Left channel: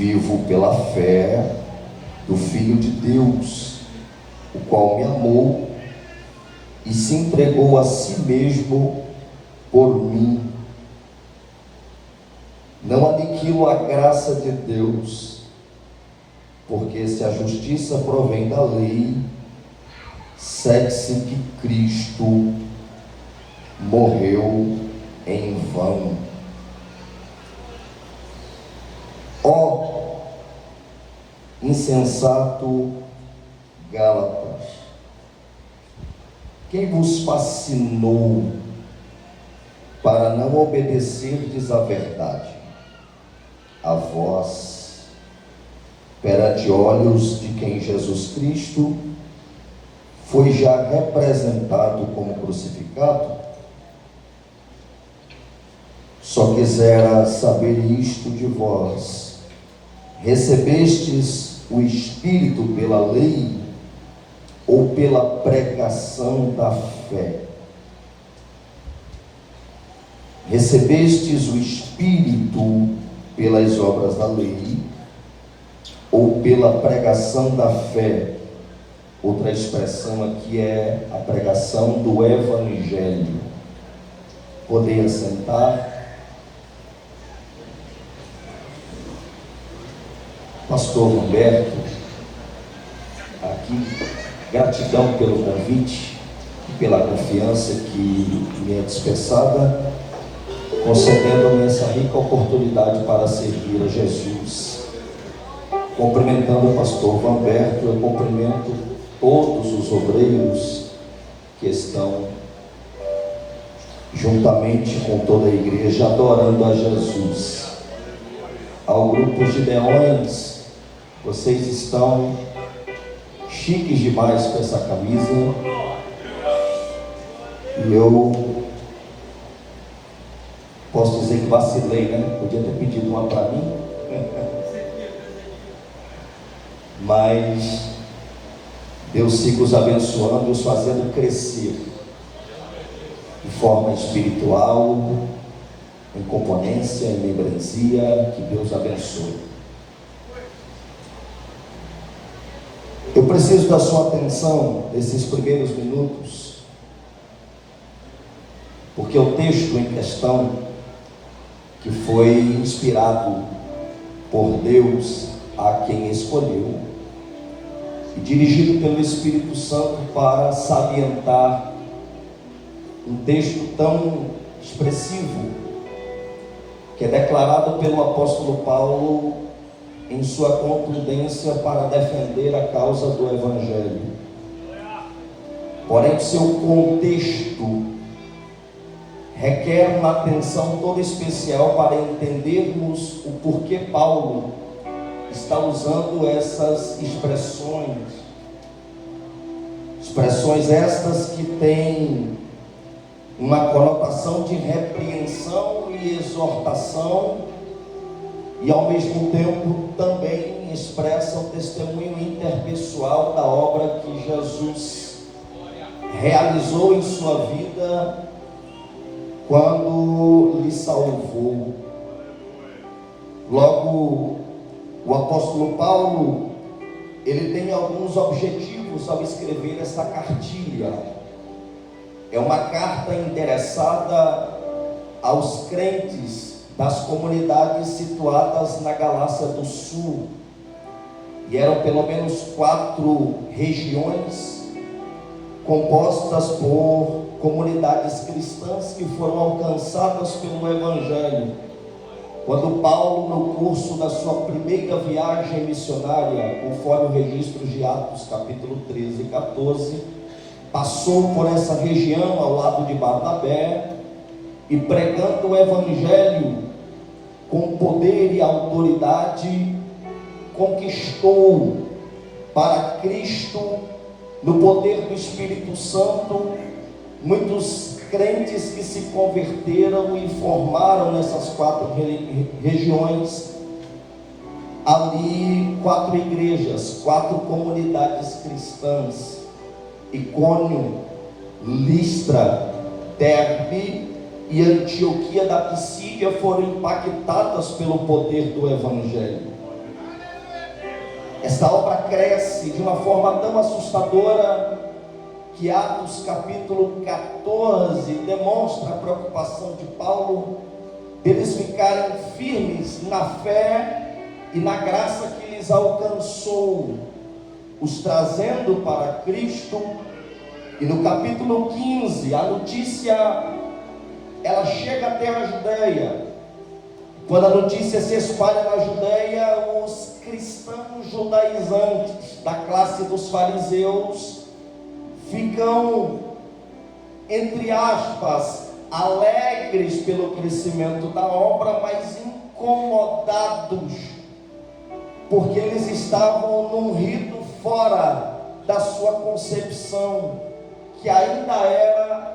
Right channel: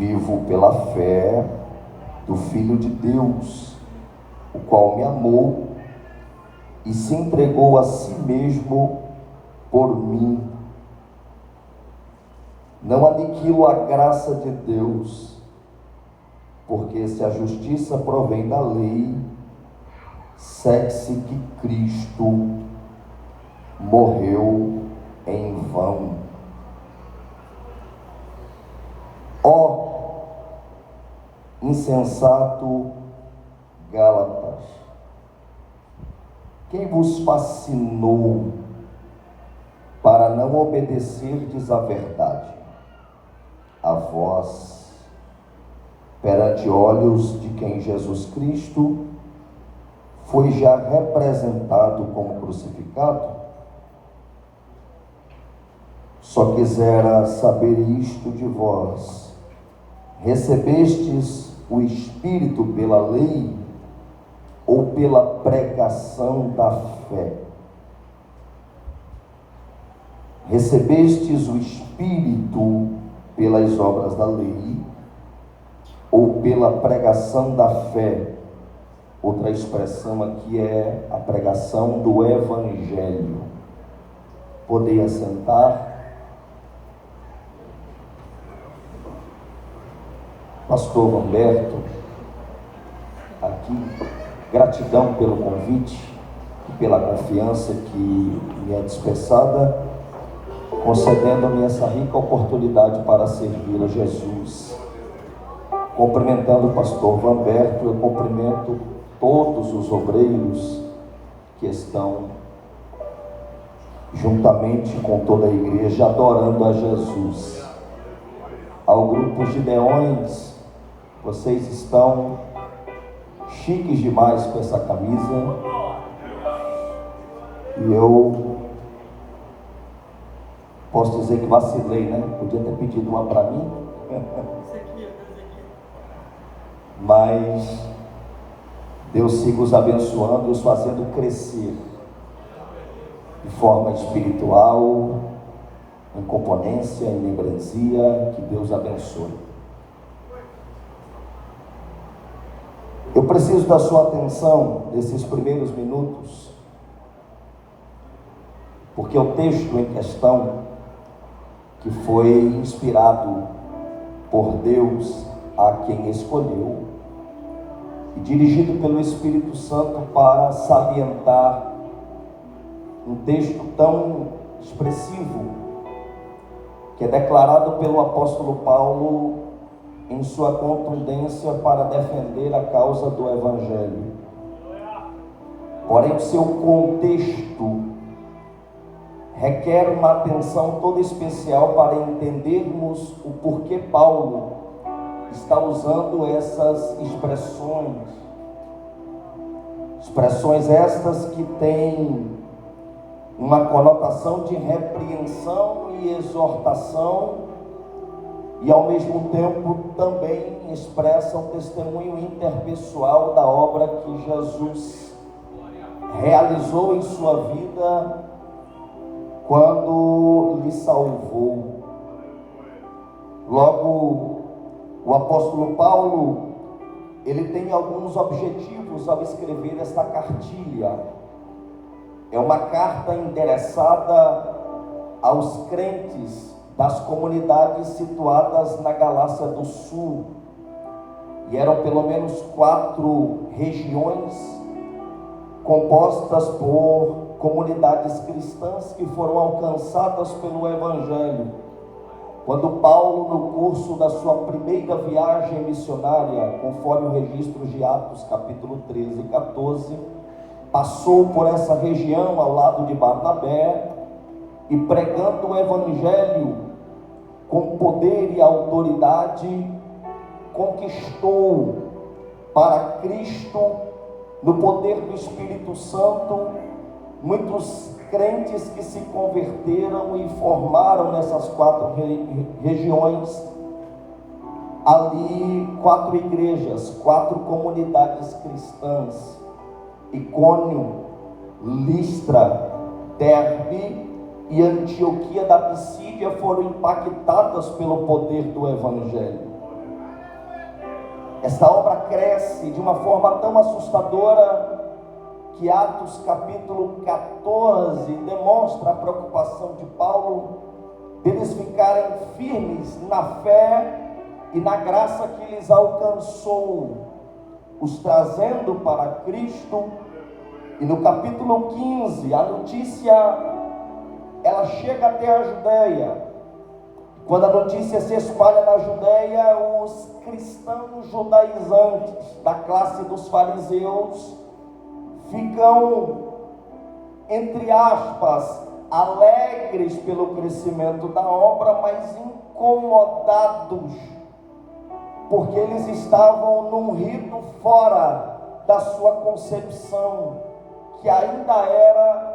Vivo pela fé do Filho de Deus, o qual me amou e se entregou a si mesmo por mim. Não aniquilo a graça de Deus, porque se a justiça provém da lei, segue-se que Cristo morreu em vão. Ó insensato Gálatas, quem vos fascinou para não obedecerdes à verdade? A vós, perante olhos de quem Jesus Cristo foi já representado como crucificado? Só quisera saber isto de vós: recebestes o Espírito pela lei ou pela pregação da fé? Recebestes o Espírito pelas obras da lei ou pela pregação da fé? Outra expressão aqui é a pregação do Evangelho. Podem assentar. Pastor Humberto, aqui, gratidão pelo convite e pela confiança que me é dispensada, concedendo-me essa rica oportunidade para servir a Jesus. Cumprimentando o pastor Humberto, eu cumprimento todos os obreiros que estão juntamente com toda a igreja adorando a Jesus. Ao grupo de Gideões, vocês estão chiques demais com essa camisa, e eu posso dizer que vacilei, né? Podia ter pedido uma para mim, mas Deus siga os abençoando e os fazendo crescer de forma espiritual, em componência, em membresia. Que Deus abençoe. Eu preciso da sua atenção nesses primeiros minutos, porque o texto em questão, que foi inspirado por Deus a quem escolheu e dirigido pelo Espírito Santo para salientar um texto tão expressivo, que é declarado pelo apóstolo Paulo em sua contundência para defender a causa do Evangelho. Porém, seu contexto requer uma atenção toda especial para entendermos o porquê Paulo está usando essas expressões estas que têm uma conotação de repreensão e exortação, e ao mesmo tempo também expressa o testemunho interpessoal da obra que Jesus realizou em sua vida quando lhe salvou. Logo, o apóstolo Paulo, ele tem alguns objetivos ao escrever essa cartilha. É uma carta endereçada aos crentes das comunidades situadas na Galácia do Sul, e eram pelo menos 4 regiões compostas por comunidades cristãs que foram alcançadas pelo Evangelho. Quando Paulo, no curso da sua primeira viagem missionária, conforme o registro de Atos capítulo 13 e 14, passou por essa região ao lado de Barnabé, e pregando o Evangelho com poder e autoridade, conquistou para Cristo, no poder do Espírito Santo, muitos crentes que se converteram e formaram nessas 4 regiões, ali 4 igrejas, 4 comunidades cristãs: Icônio, Listra, Derbe e Antioquia da Pisídia foram impactadas pelo poder do Evangelho. Esta obra cresce de uma forma tão assustadora que Atos capítulo 14 demonstra a preocupação de Paulo deles ficarem firmes na fé e na graça que lhes alcançou, os trazendo para Cristo. E no capítulo 15, a notícia, ela chega até a Judeia. Quando a notícia se espalha na Judeia, os cristãos judaizantes da classe dos fariseus ficam, entre aspas, alegres pelo crescimento da obra, mas incomodados, porque eles estavam num rito fora da sua concepção, que ainda era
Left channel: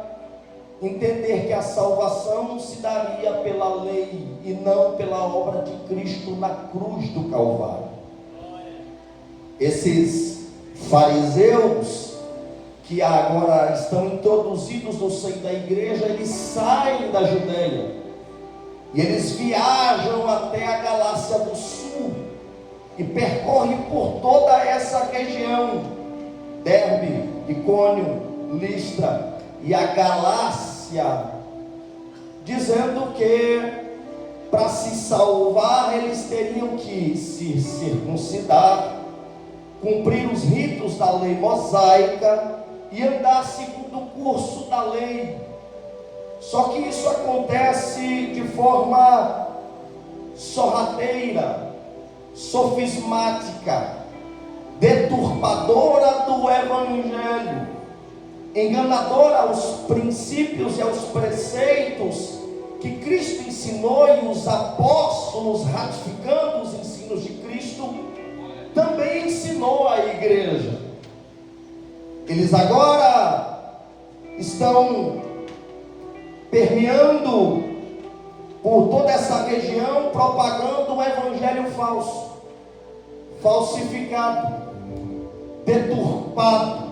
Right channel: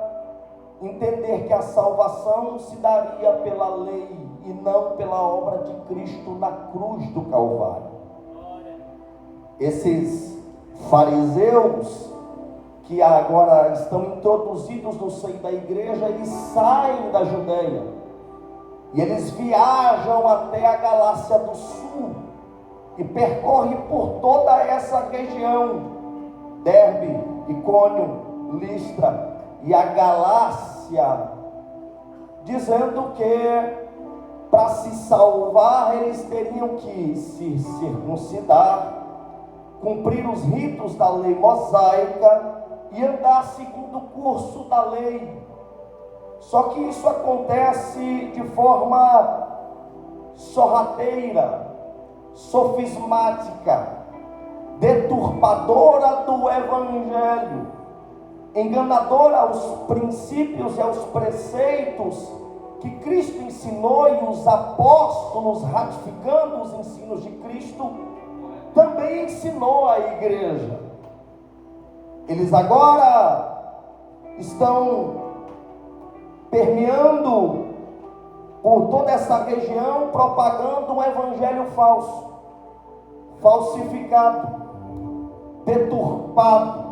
entender que a salvação se daria pela lei e não pela obra de Cristo na cruz do Calvário. Esses fariseus que agora estão introduzidos no seio da igreja, eles saem da Judeia e eles viajam até a Galácia do Sul e percorrem por toda essa região, Derbe, Icônio, Listra e a Galácia, dizendo que para se salvar eles teriam que se circuncidar, cumprir os ritos da lei mosaica e andar segundo o curso da lei. Só que isso acontece de forma sorrateira, sofismática, deturpadora do Evangelho, enganadora aos princípios e aos preceitos que Cristo ensinou, e os apóstolos, ratificando os ensinos de Cristo, também ensinou à igreja. Eles agora estão permeando por toda essa região, propagando um evangelho falso, falsificado, deturpado,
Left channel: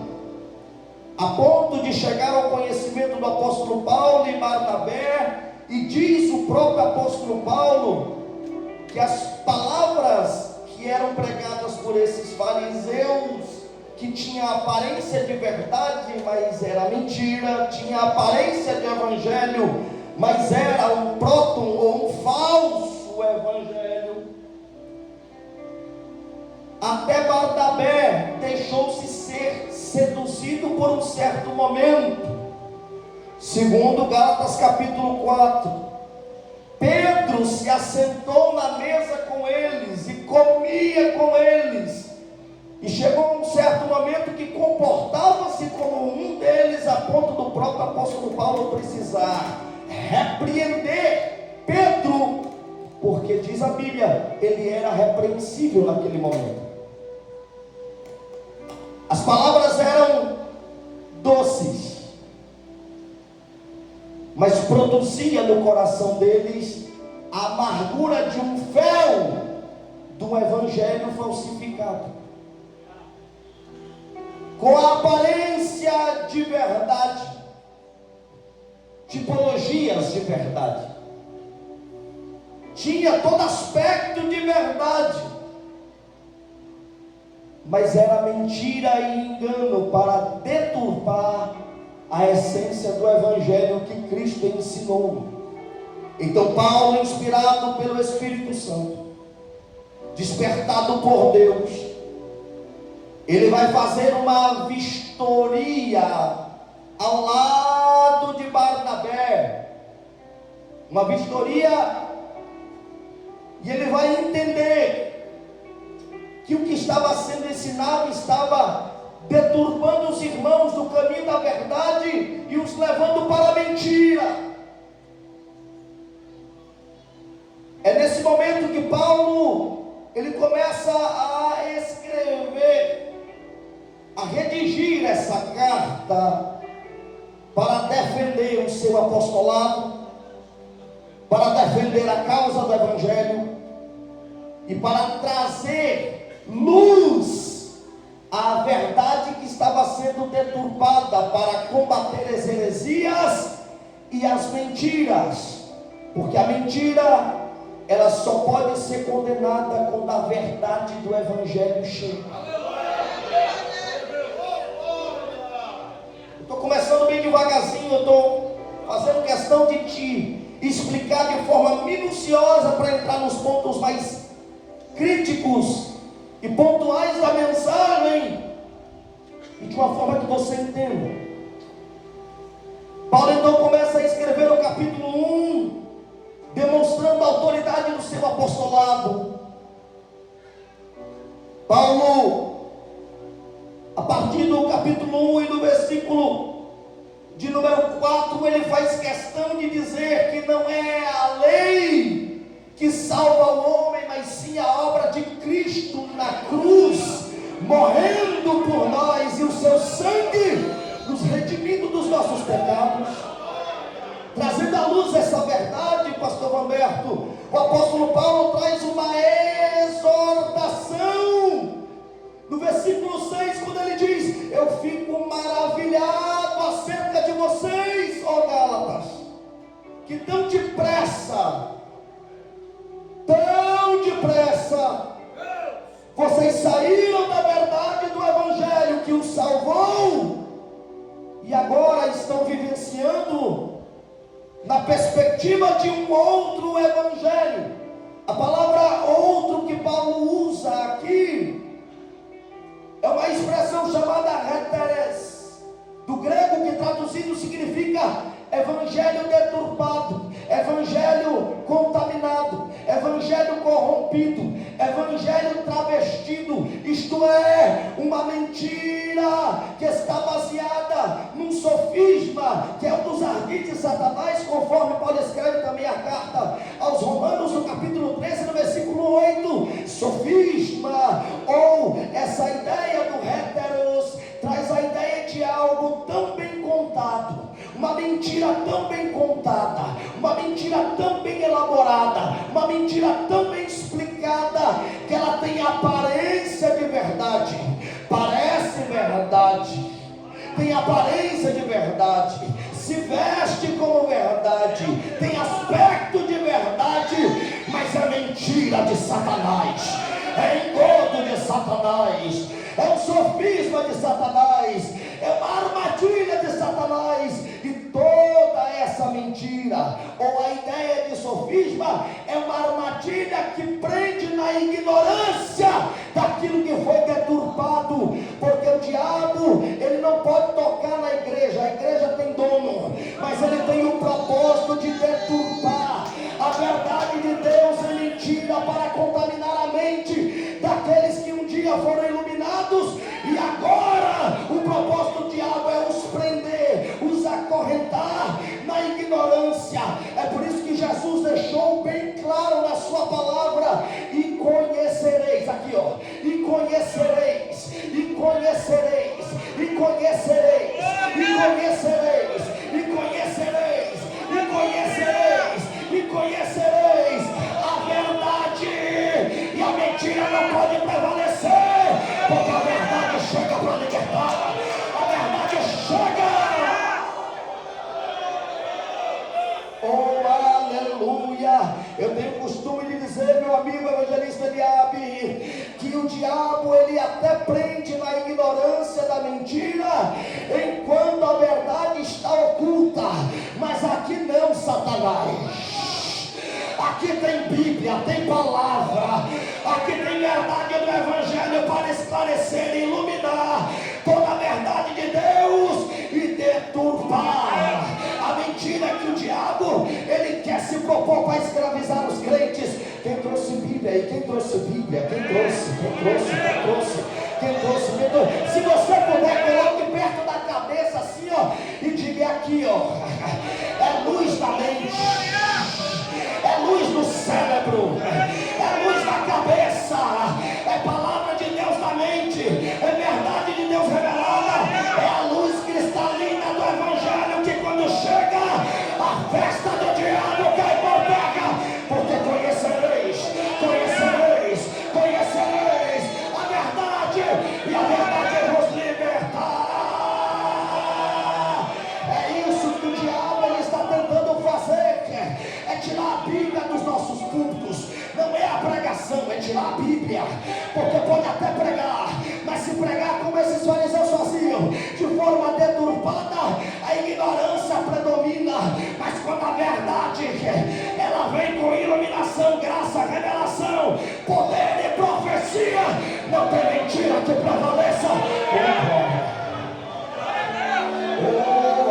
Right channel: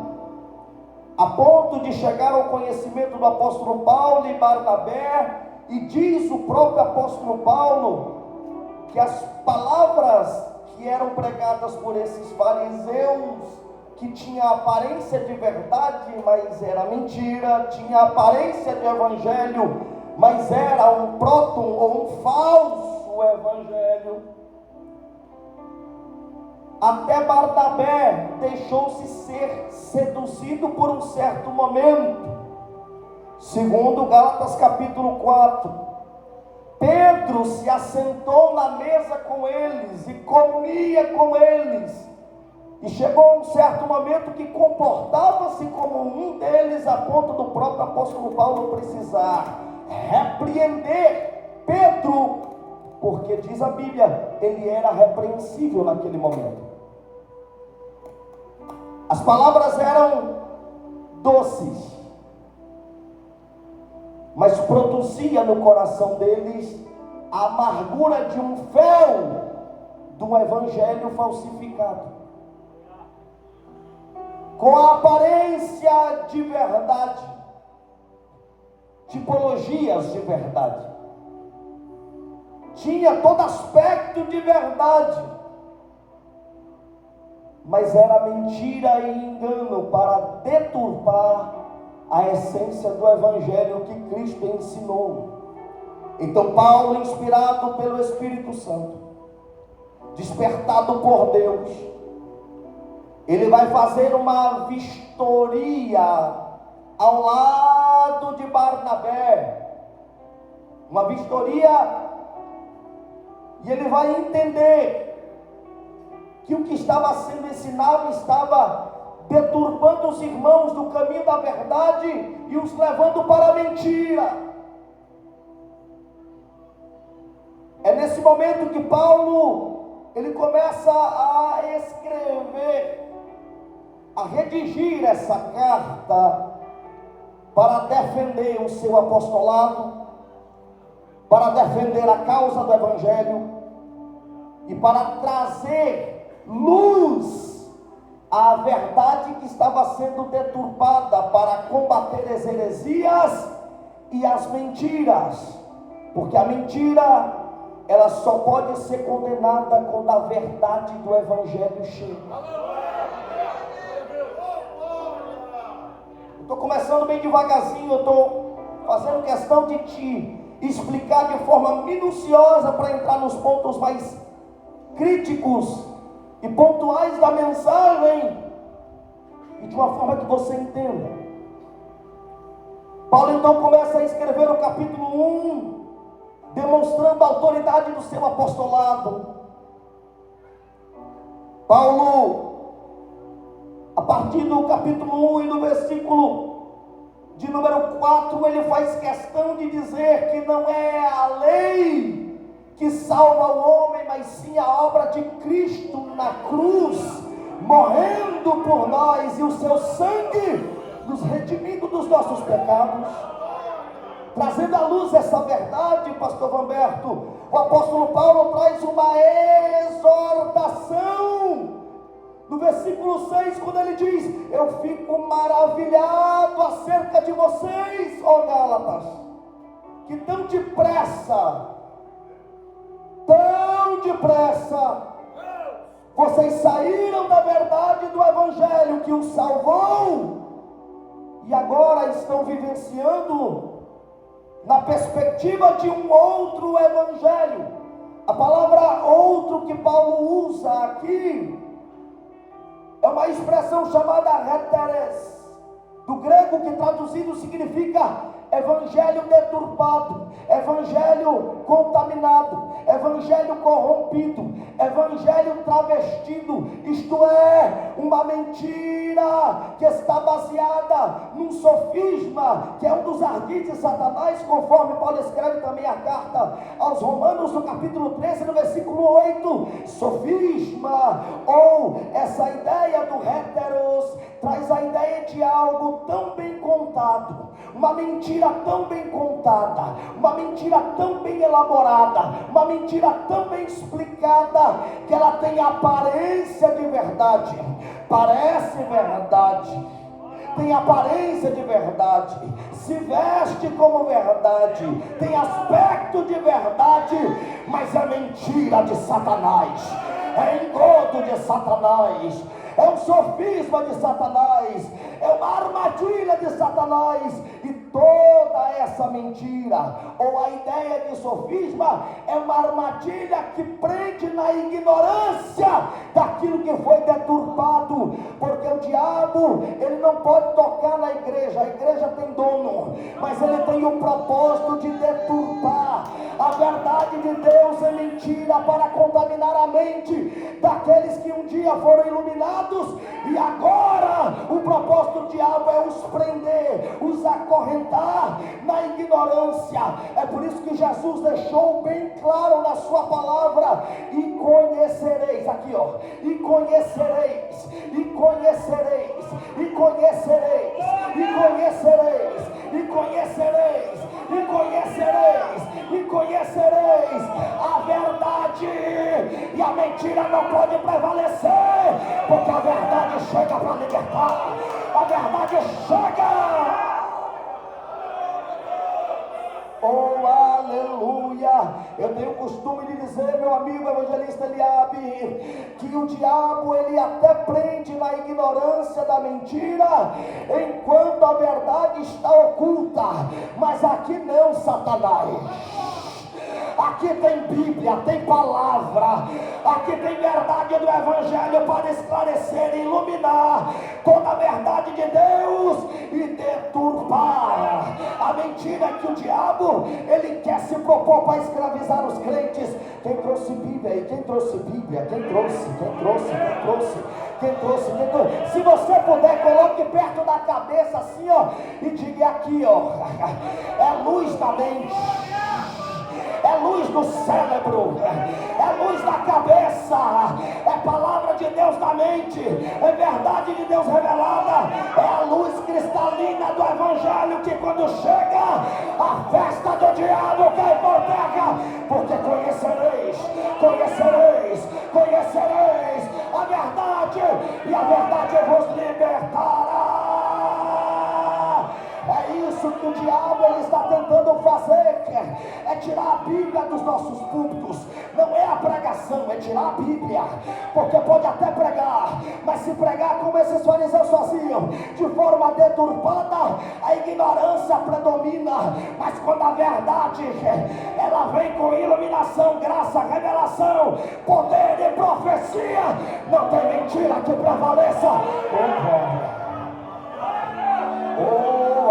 a ponto de chegar ao conhecimento do apóstolo Paulo e Barnabé. E diz o próprio apóstolo Paulo que as palavras que eram pregadas por esses fariseus, que tinha aparência de verdade, mas era mentira, tinha aparência de evangelho, mas era um próton ou um falso evangelho. Até Barnabé deixou-se ser seduzido por um certo momento. Segundo Gálatas capítulo 4, Pedro se assentou na mesa com eles e comia com eles, e chegou um certo momento que comportava-se como um deles, a ponto do próprio apóstolo Paulo precisar repreender Pedro, porque diz a Bíblia, ele era repreensível naquele momento. As palavras eram doces, mas produzia no coração deles a amargura de um fel do evangelho falsificado, com a aparência de verdade, tipologias de verdade, tinha todo aspecto de verdade, mas era mentira e engano para deturpar a essência do evangelho que Cristo ensinou. Então Paulo, inspirado pelo Espírito Santo, despertado por Deus, ele vai fazer uma vistoria ao lado de Barnabé, uma vistoria, e ele vai entender que o que estava sendo ensinado estava deturbando os irmãos do caminho da verdade e os levando para a mentira. É nesse momento que Paulo, ele começa a escrever, a redigir essa carta para defender o seu apostolado, para defender a causa do evangelho e para trazer luz à verdade que estava sendo deturpada, para combater as heresias e as mentiras, porque a mentira ela só pode ser condenada quando a verdade do Evangelho chega. Estou começando bem devagarzinho, eu estou fazendo questão de te explicar de forma minuciosa para entrar nos pontos mais críticos e pontuais da mensagem, e de uma forma que você entenda. Paulo então começa a escrever o capítulo 1, demonstrando a autoridade do seu apostolado. Paulo, a partir do capítulo 1 e do versículo de número 4, ele faz questão de dizer que não é a lei que salva o homem, mas sim a obra de Cristo na cruz, morrendo por nós, e o seu sangue nos redimindo dos nossos pecados. Trazendo à luz essa verdade, pastor Vanberto, o apóstolo Paulo traz uma exortação no versículo 6, quando ele diz: eu fico maravilhado acerca de vocês, ó Gálatas, que tão depressa, vocês saíram da verdade do Evangelho que os salvou, e agora estão vivenciando na perspectiva de um outro Evangelho. A palavra outro que Paulo usa aqui é uma expressão chamada heteres, do grego, que traduzido significa evangelho deturpado, evangelho contaminado, evangelho corrompido, evangelho travestido, isto é, uma mentira que está baseada num sofisma, que é um dos ardis de Satanás, conforme Paulo escreve também a carta aos Romanos, no capítulo 13, no versículo 8. Sofisma, ou essa ideia do heteros, traz a ideia de algo tão bem contado, uma mentira tão bem contada, uma mentira tão bem elaborada, uma mentira tão bem explicada, que ela tem aparência de verdade, parece verdade, tem aparência de verdade, se veste como verdade, tem aspecto de verdade, mas é mentira de Satanás, é engodo de Satanás, é um sofisma de Satanás, é uma armadilha de Satanás. E toda essa mentira, ou a ideia de sofisma, é uma armadilha que prende na ignorância daquilo que foi deturpado, porque o diabo, ele não pode tocar na igreja, a igreja tem dono, mas ele tem o propósito de deturpar a verdade de Deus em mentira, para contaminar a mente daqueles que um dia foram iluminados, e agora o propósito do diabo é os prender, os acorrentar na ignorância. É por isso que Jesus deixou bem claro na sua palavra: e conhecereis, aqui ó, e conhecereis, e conhecereis, e conhecereis, e conhecereis, e conhecereis, e conhecereis, e conhecereis a verdade, e a mentira não pode prevalecer, porque a verdade chega para libertar, a verdade chega. Oh, aleluia! Eu tenho o costume de dizer, meu amigo evangelista Eliabe, que o diabo, ele até prende na ignorância da mentira, enquanto a verdade está oculta, mas aqui não, Satanás. Aqui tem Bíblia, tem palavra, aqui tem verdade do Evangelho para esclarecer e iluminar toda a verdade de Deus e deturpar a mentira que o diabo, ele quer se propor para escravizar os crentes. Quem trouxe Bíblia aí? Quem trouxe Bíblia? Quem trouxe? Se você puder, coloque perto da cabeça assim, ó, e diga aqui, ó, é luz da mente, é luz do cérebro, é luz da cabeça, é palavra de Deus da mente, é verdade de Deus revelada, é a luz cristalina do Evangelho, que quando chega, a festa do diabo cai por terra, porque conhecereis a verdade, e a verdade vos libertará. É isso que o diabo, ele está tentando fazer, é tirar a Bíblia dos nossos púlpitos, Jesus não é a pregação, é tirar a Bíblia, porque pode até pregar, mas se pregar como esses fariseus faziam, de forma deturpada, a ignorância predomina. Mas quando a verdade, ela vem com iluminação, graça, revelação, poder e profecia, não tem mentira que prevaleça. Oh,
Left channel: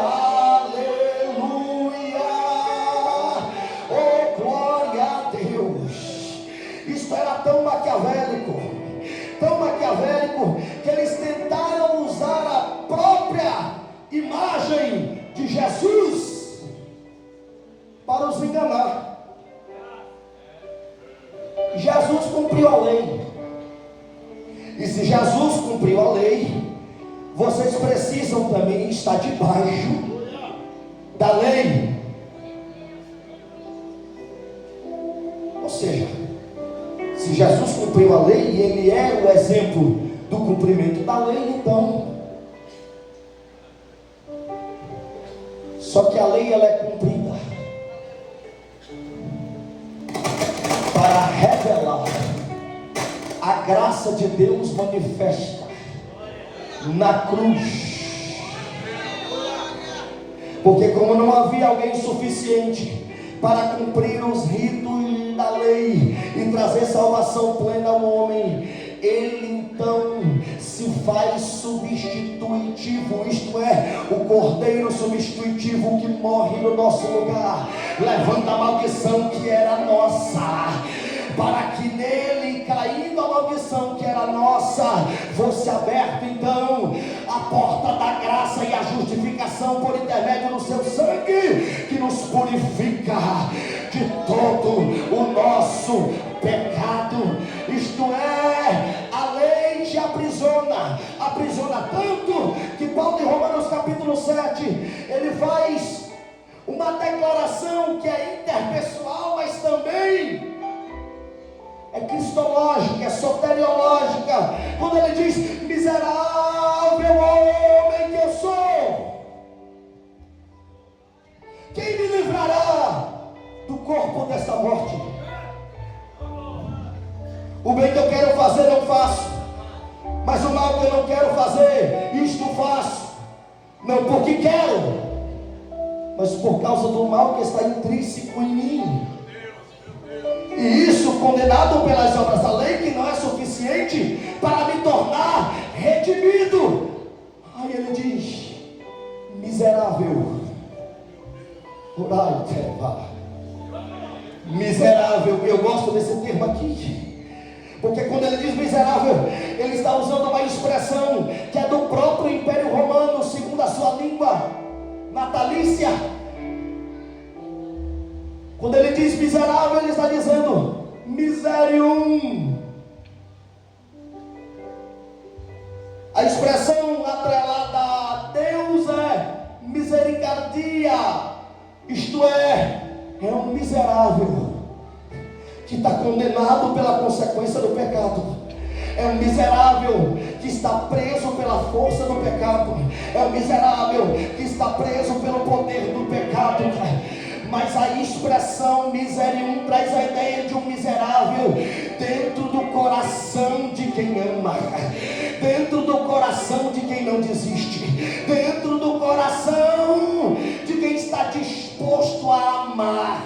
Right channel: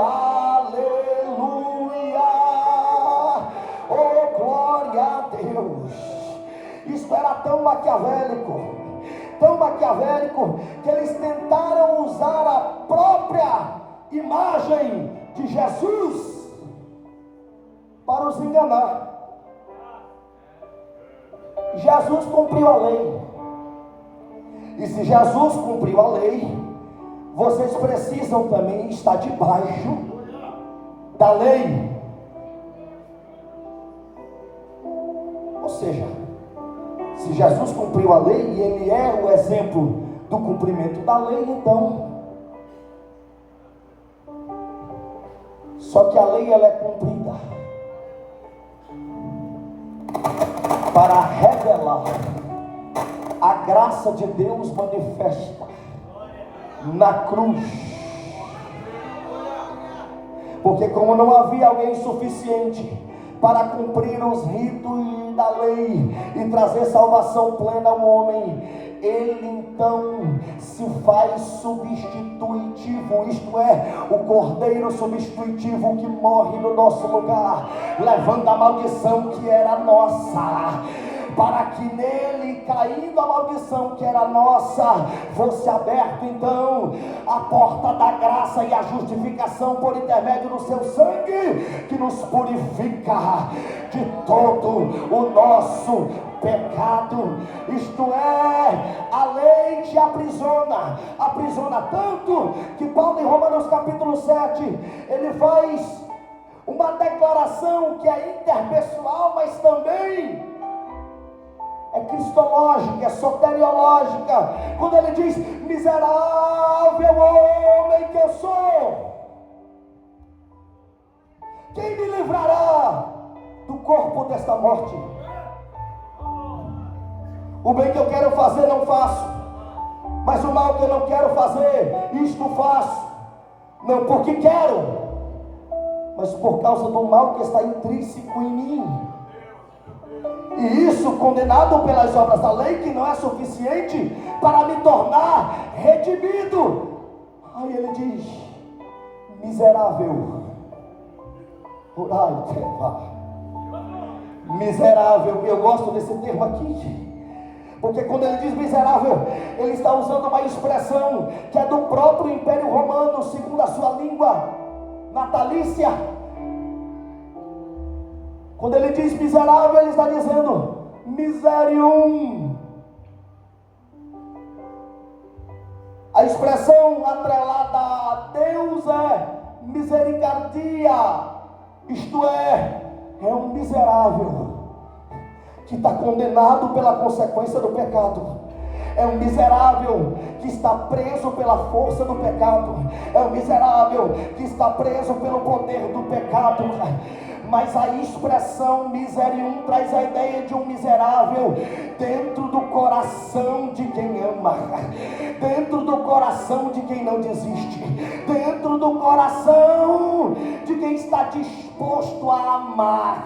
aleluia, oh, glória a Deus. Isto era tão maquiavélico, que eles tentaram usar a própria imagem de Jesus para os enganar. Jesus cumpriu a lei, e se Jesus cumpriu a lei, vocês precisam também estar debaixo da lei. Ou seja, se Jesus cumpriu a lei e ele é o exemplo do cumprimento da lei, então, só que a lei ela é cumprida para revelar a graça de Deus manifesta na cruz. Porque como não havia alguém suficiente para cumprir os ritos da lei e trazer salvação plena ao homem, ele então se faz substitutivo, isto é, o cordeiro substitutivo que morre no nosso lugar, levando a maldição que era nossa, para que nele, caindo a maldição que era nossa, fosse aberta então a porta da graça e a justificação por intermédio do seu sangue, que nos purifica de todo o nosso pecado. Isto é, a lei te aprisiona tanto que Paulo em Romanos capítulo 7, ele faz uma declaração que é interpessoal, mas também é cristológica, é soteriológica, quando ele diz: miserável homem que eu sou, quem me livrará do corpo desta morte? O bem que eu quero fazer não faço, mas o mal que eu não quero fazer, isto faço, não porque quero, mas por causa do mal que está intrínseco em mim. E isso condenado pelas obras da lei, que não é suficiente para me tornar redimido. Aí ele diz: miserável, orai, miserável. Eu gosto desse termo aqui, porque quando ele diz miserável, ele está usando uma expressão que é do próprio Império Romano, segundo a sua língua natalícia. Quando ele diz miserável, ele está dizendo miserium. A expressão atrelada a Deus é misericordia, isto é um miserável que está condenado pela consequência do pecado. É um miserável que está preso pela força do pecado. É um miserável que está preso pelo poder do pecado. Mas a expressão miserium traz a ideia de um miserável dentro do coração de quem ama, dentro do coração de quem não desiste, dentro do coração de quem está disposto a amar.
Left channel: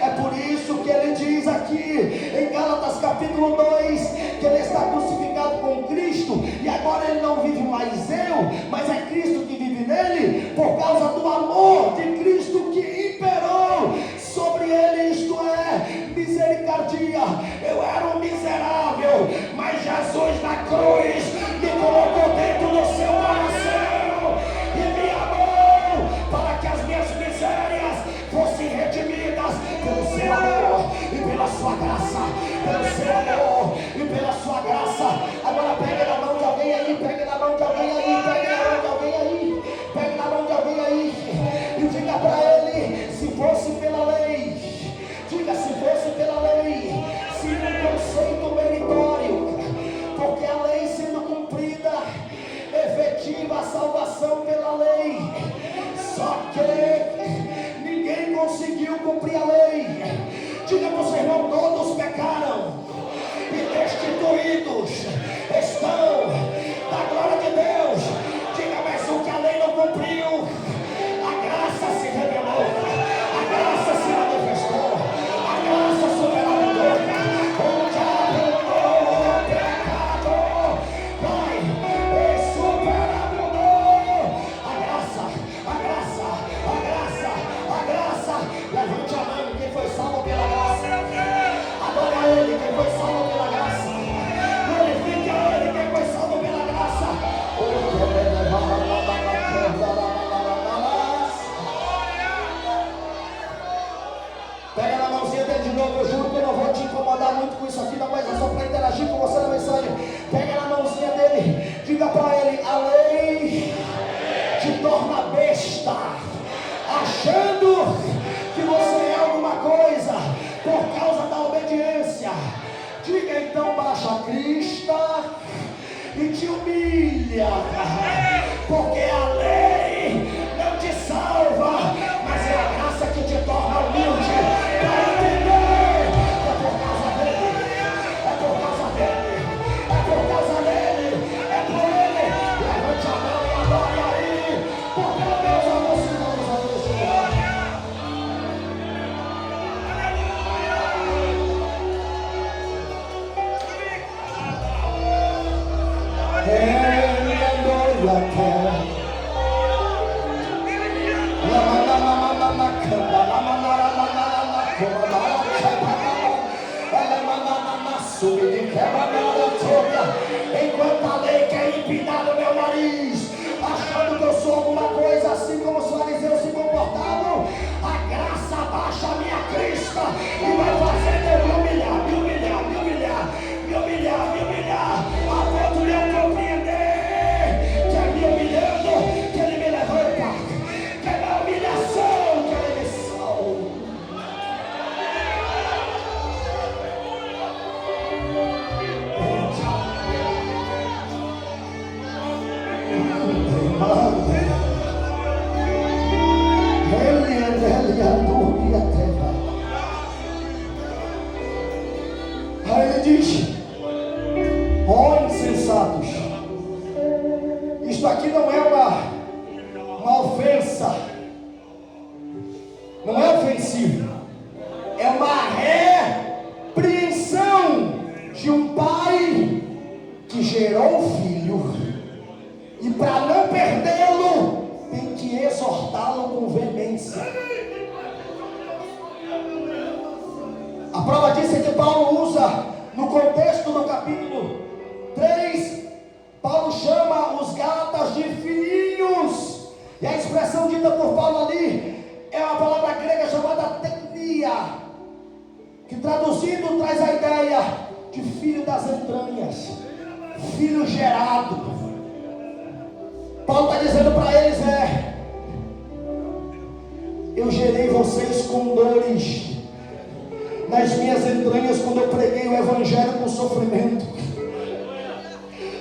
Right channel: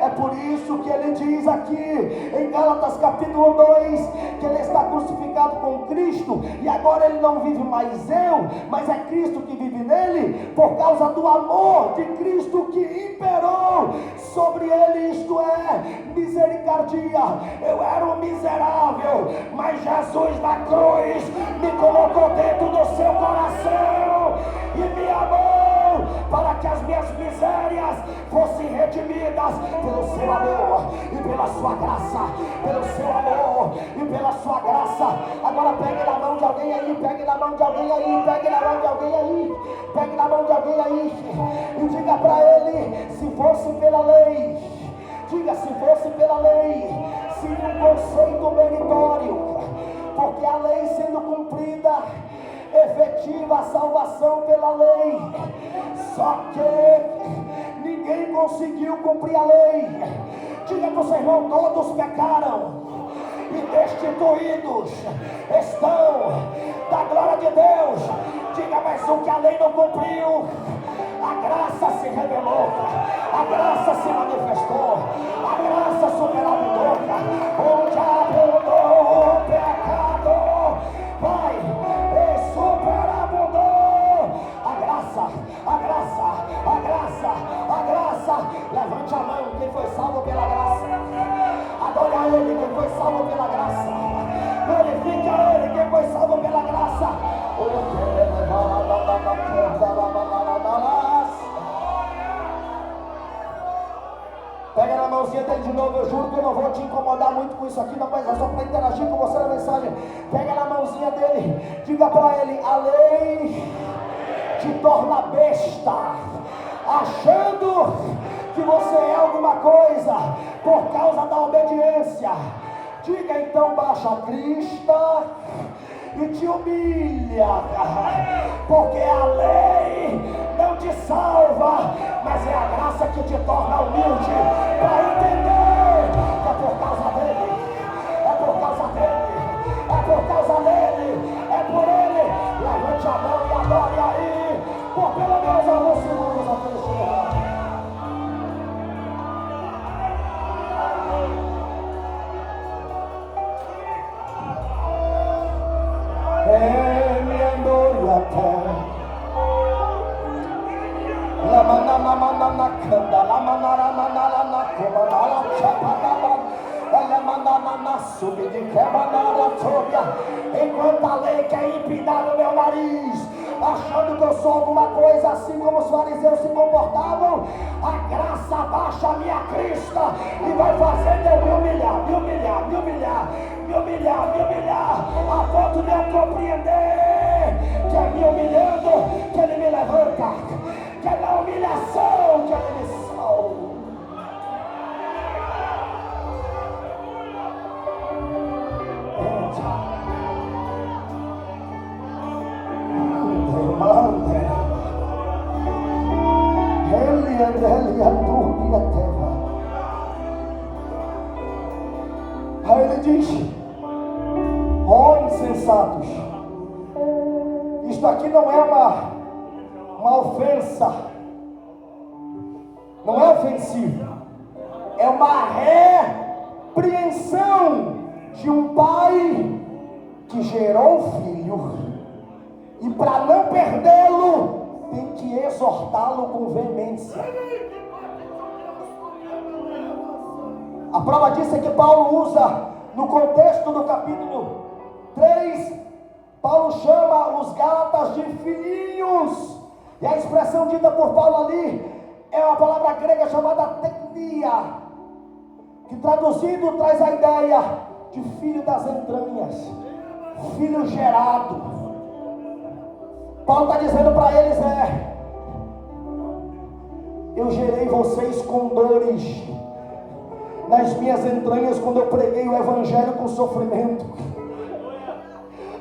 É por isso que ele diz aqui em Gálatas capítulo 2 que ele está crucificado com Cristo, e agora ele não vive mais eu, mas é Cristo que vive nele, por causa do amor de Cristo que imperou sobre ele, isto é, misericórdia. Eu era um miserável, mas Jesus na cruz me colocou dentro do seu coração e me amou para que as minhas misérias fossem redimidas pelo seu amor e pela sua graça, pelo seu amor e pela sua graça. Agora pegue na mão de alguém aí, pegue na mão de alguém aí, pegue na mão de alguém aí, pegue na mão de alguém aí e diga para ele: se fosse pela lei, diga, se fosse pela lei, seria um conceito meritório, porque a lei sendo cumprida, efetiva a salvação pela lei. Só que ninguém conseguiu cumprir a lei, Diga para o seu irmão: todos pecaram e destituídos estão da glória de Deus. Diga: mas o que a lei não cumpriu, a graça se revelou, a graça se manifestou, a graça superabundou. Onde abundou o pecado, vai e superabundou a graça, a graça, a graça, a graça. Levante a mão quem foi salvo pela graça. Adore a Ele quem foi salvo pela graça. Glorifique a Ele quem foi salvo pela graça. Pega na mãozinha dele de novo. Eu juro que eu não vou te incomodar muito com isso aqui, não, mas é só para interagir com você na mensagem. Pega na mãozinha dele, diga para ele: a lei te torna besta, achando que você é alguma coisa por causa da obediência. Diga então: baixa a crista e te humilha, porque a lei não te salva, mas é a graça que te torna humilde. Para entender, é por causa dele, é por causa dele, é por causa dele, é por ele. Levante a mão e adore aí, por pelo menos alguns segundos a Deus. Enquanto a lei quer empinar o meu nariz, achando que eu sou alguma coisa assim como os fariseus se comportavam, a graça baixa a minha crista e vai fazer eu me humilhar, me humilhar, me humilhar, me humilhar, me humilhar, a ponto de eu compreender que é me humilhando que ele me levanta, que é na humilhação que ele me salva. Aí ele diz: ó insensatos, isto aqui não é uma ofensa, não é ofensivo, é uma repreensão de um pai que gerou um filho, e para não perdê-lo tem que exortá-lo com veemência. A prova disso é que Paulo usa, no contexto do capítulo 3, Paulo chama os Gálatas de filhinhos, e a expressão dita por Paulo ali é uma palavra grega chamada teknia, que traduzindo traz a ideia de filho das entranhas, filho gerado. Paulo está dizendo para eles: eu gerei vocês com dores nas minhas entranhas quando eu preguei o evangelho com sofrimento.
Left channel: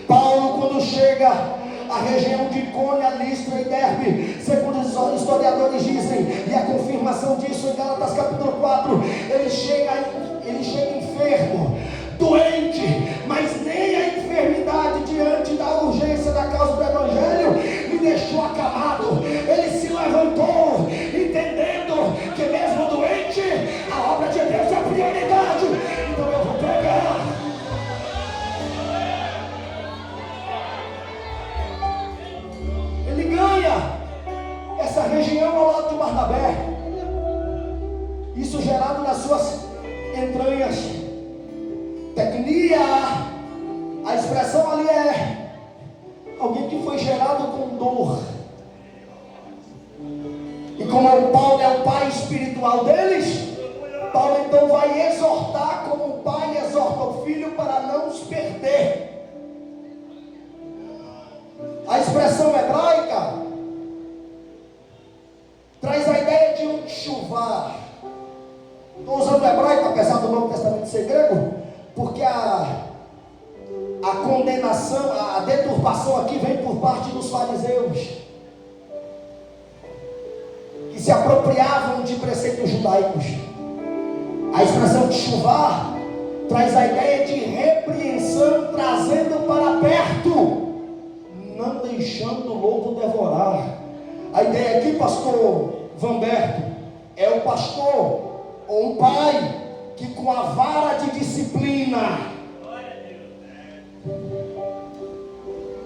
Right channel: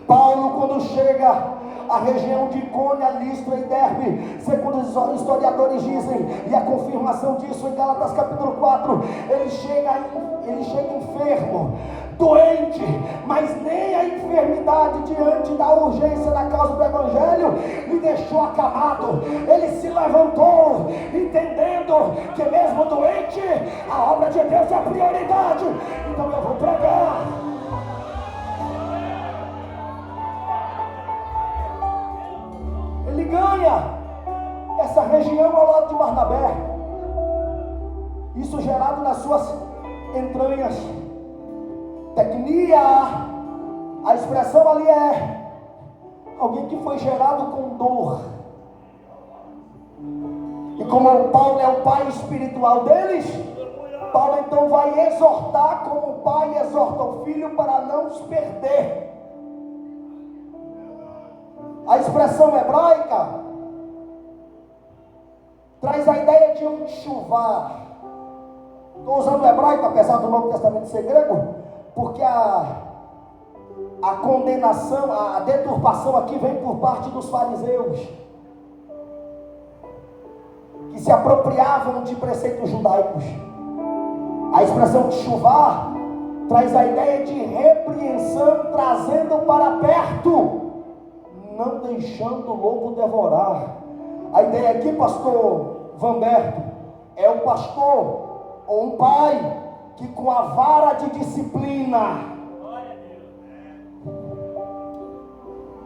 Paulo, quando chega à região de Icônia, Listra e Derbe, segundo os historiadores dizem, e a confirmação disso em Gálatas capítulo 4, ele chega enfermo, doente, mas nem a enfermidade diante da urgência da causa do evangelho me deixou acamado. Ele se levantou, entendendo que mesmo doente, a obra de Deus é prioridade, então eu vou pregar. Ele ganha essa região ao lado de Barnabé, isso gerado nas suas entranhas. Teknia, a expressão ali é alguém que foi gerado com dor. E como Paulo é o pai espiritual deles, Paulo então vai exortar como o pai exorta o filho para não se perder. A expressão hebraica traz a ideia de um chuvar. Estou usando o hebraico, apesar do Novo Testamento ser grego, porque a condenação, a deturpação aqui vem por parte dos fariseus, que se apropriavam de preceitos judaicos. A expressão chuvar traz a ideia de repreensão, trazendo para perto, não deixando o lobo devorar. A ideia aqui, pastor Vanberto, é o pastor ou um pai que com a vara de disciplina,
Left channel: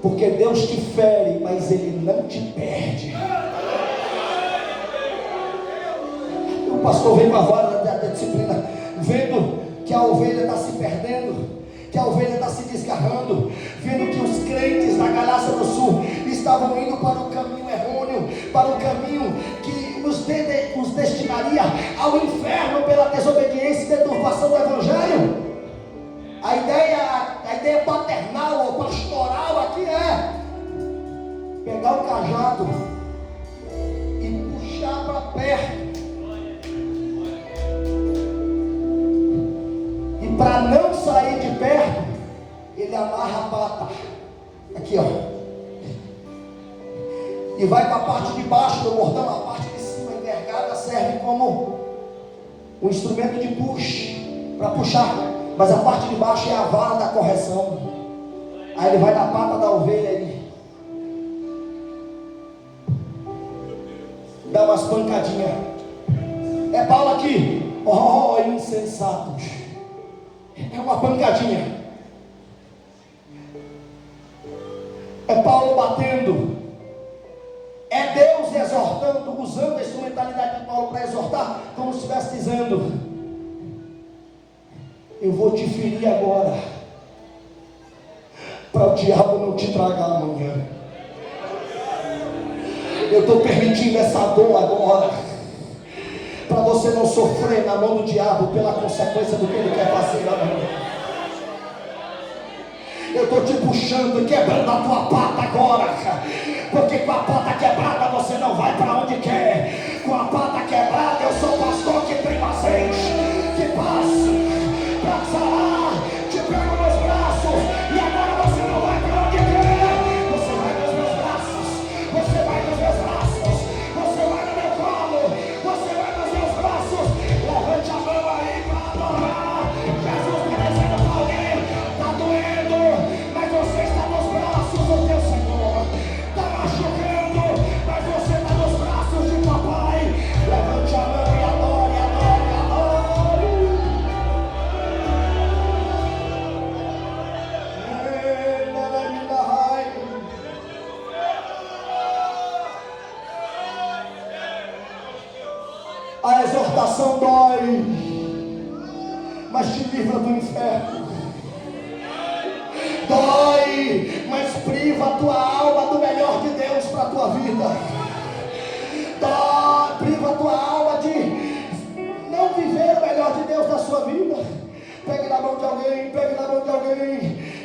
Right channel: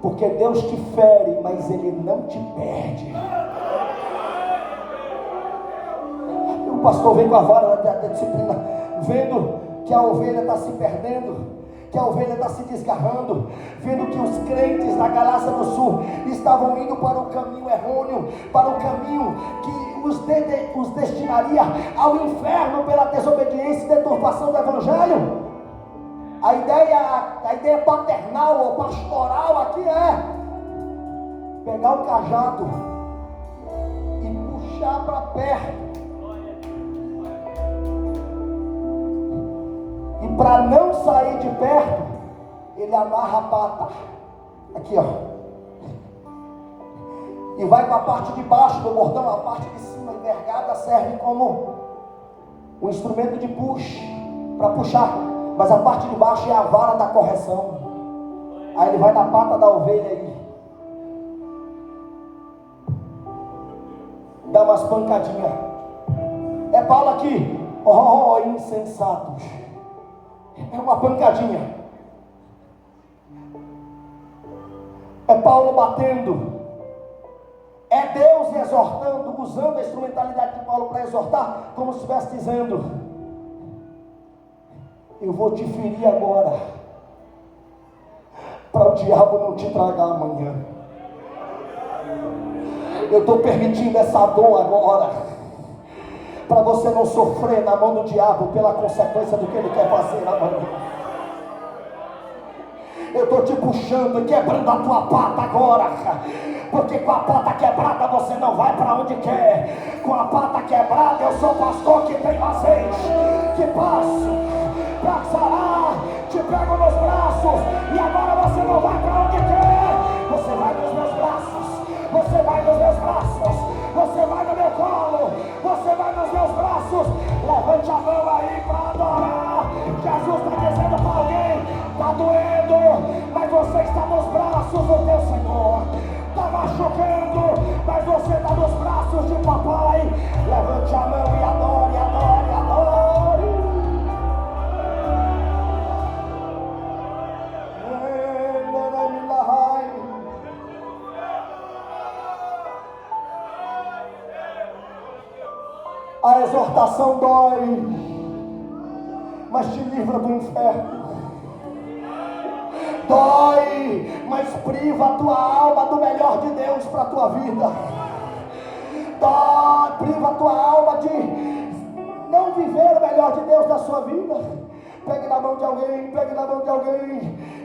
porque Deus te fere, mas Ele não te perde. O pastor vem com a vara da disciplina, vendo que a ovelha está se perdendo, que a ovelha está se desgarrando, vendo que os crentes da Galácia do Sul estavam indo para o caminho errôneo, para o caminho que os destinaria ao inferno pela desobediência e deturpação do Evangelho. A ideia paternal ou pastoral aqui é pegar o cajado e puxar para perto. E para não sair de perto, ele amarra a pata aqui, ó, e vai para a parte de baixo do bordão. A parte de cima envergada serve como um instrumento de push, para puxar, mas a parte de baixo é a vara da correção. Aí ele vai na pata da ovelha e dá umas pancadinhas. É Paulo aqui, oh insensatos, é uma pancadinha. É Paulo batendo, é Deus exortando, usando a instrumentalidade de Paulo para exortar, como se estivesse dizendo: eu vou te ferir agora, para o diabo não te tragar amanhã. Eu estou permitindo essa dor agora, para você não sofrer na mão do diabo pela consequência do que ele quer fazer amanhã. Eu estou te puxando e quebrando a tua pata agora, porque com a pata quebrada você não vai para onde quer. Com a pata quebrada eu sou pastor que tem azeite, que passa para sarar, te pego nos braços e agora você não vai para onde quer. Você vai nos meus braços, você vai nos meus braços, você vai no meu colo, você vai nos meus braços. Levante a mão aí para adorar. Jesus está dizendo para alguém: está doendo, mas você está nos braços do teu Senhor. Está machucando, mas você está nos braços de papai. Levante a mão e adore, adore, adore. A exortação dói, mas te livra do inferno. Dói, mas priva a tua alma do melhor de Deus para a tua vida. Dói, priva a tua alma de não viver o melhor de Deus na sua vida. Pegue na mão de alguém, pegue na mão de alguém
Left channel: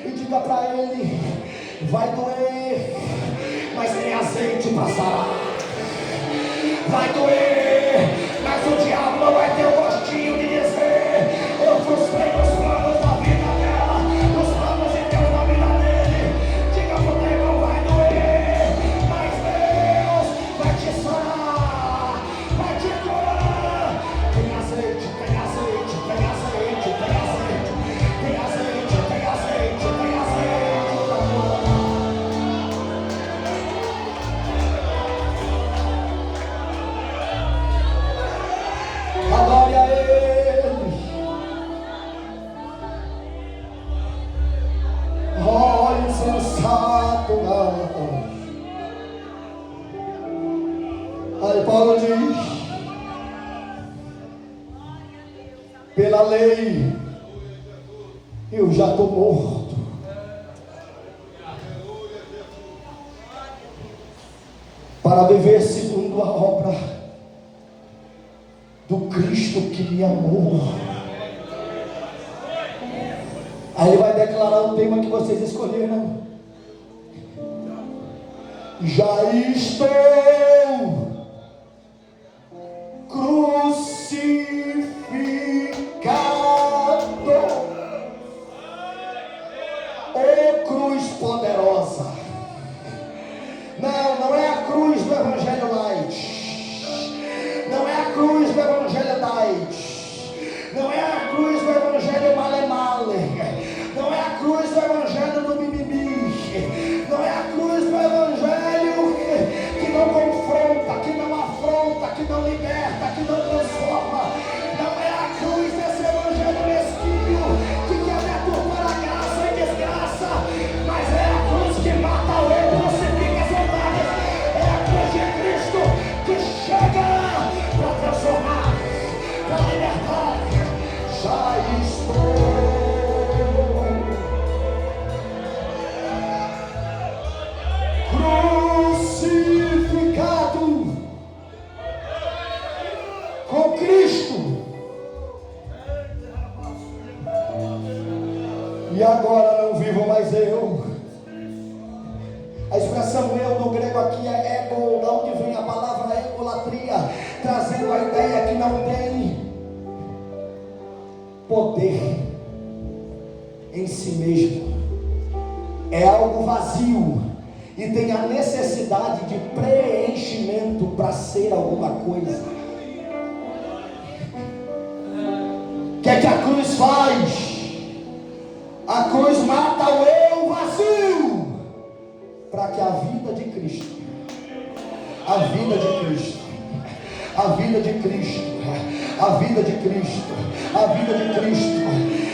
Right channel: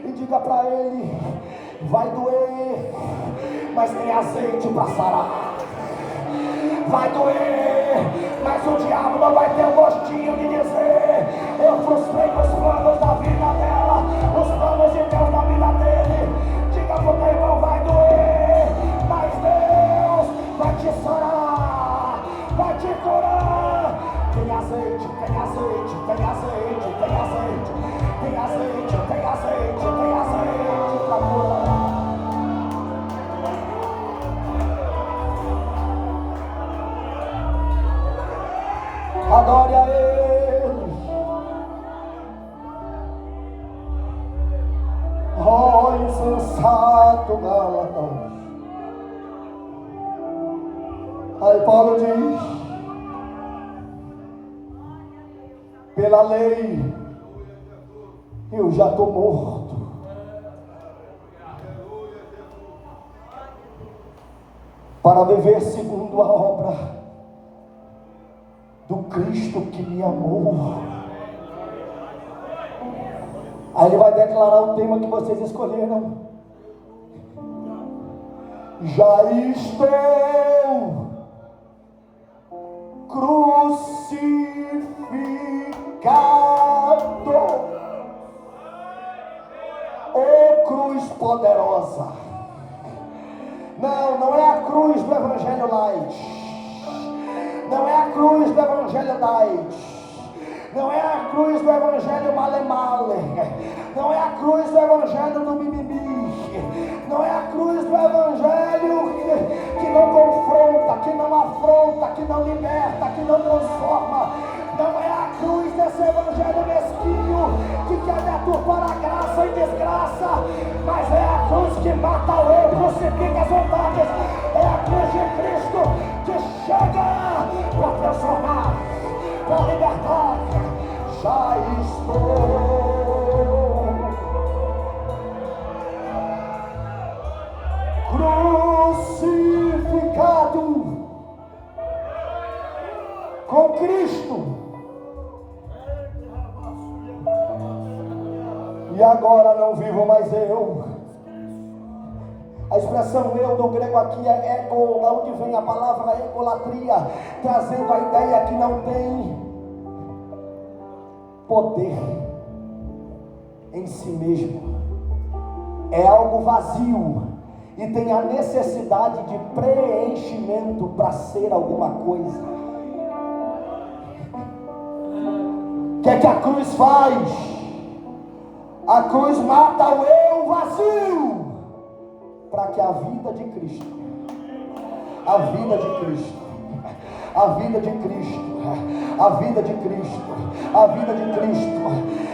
e diga para ele: vai doer, mas tem azeite para sarar. Vai doer, mas o diabo não vai ter o gostinho de dizer: eu frustrei os planos da vida dela, os planos de Deus na vida dele. Diga pro teu irmão: vai doer, mas Deus vai te sarar, vai te curar. Tem azeite, tem azeite, tem azeite, tem azeite, tem azeite, tem azeite, tem azeite para curar. Adore a Ele. Oh, insensato Gálatas. Aí Paulo diz: pela lei eu já estou morto. Para viver segundo a obra do Cristo que me amou. Aí ele vai declarar o tema que vocês escolheram: já estou crucificado. Ô cruz poderosa. Não é a cruz do Evangelho Light, não é a cruz do Evangelho Light, Não é a cruz do evangelho male-male. Não é a cruz do evangelho do mimimi. Não é a cruz do evangelho que não confronta, que não afronta, que não liberta, que não transforma. Não é a cruz desse evangelho mesquinho que quer deturpar a graça e desgraça, mas é a cruz que mata o eu, crucifica as vontades. É a cruz de Cristo que chega para transformar, para libertar. Já estou crucificado com Cristo, e agora não vivo mais eu. A expressão eu no grego aqui é ego, da onde vem a palavra egolatria, trazendo a ideia que não tem poder em si mesmo, é algo vazio e tem a necessidade de preenchimento para ser alguma coisa. O que é que a cruz faz? A cruz mata o eu vazio, para que a vida de Cristo, a vida de Cristo, a vida de Cristo, a vida de Cristo, a vida de Cristo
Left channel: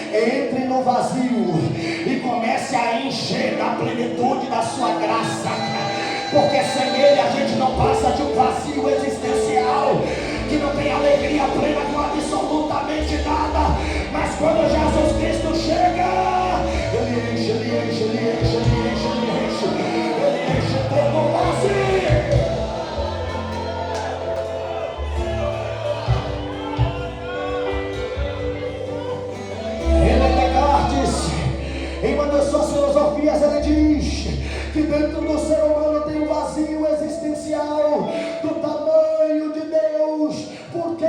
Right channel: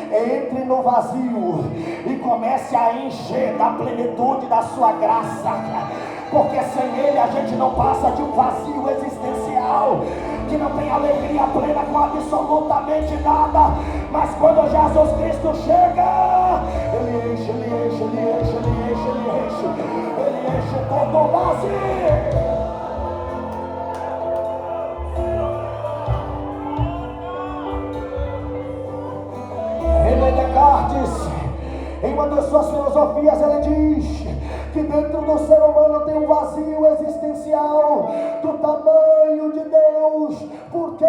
entre no vazio e comece a encher da plenitude da sua graça, porque sem Ele a gente não passa de um vazio existencial, que não tem alegria plena com absolutamente nada. Mas quando Jesus Cristo chega, Ele enche, Ele enche, Ele enche, Ele enche, Ele enche, Ele enche todo o vazio. Em uma das suas filosofias ele diz que dentro do ser humano tem um vazio existencial do tamanho de Deus. Por quê?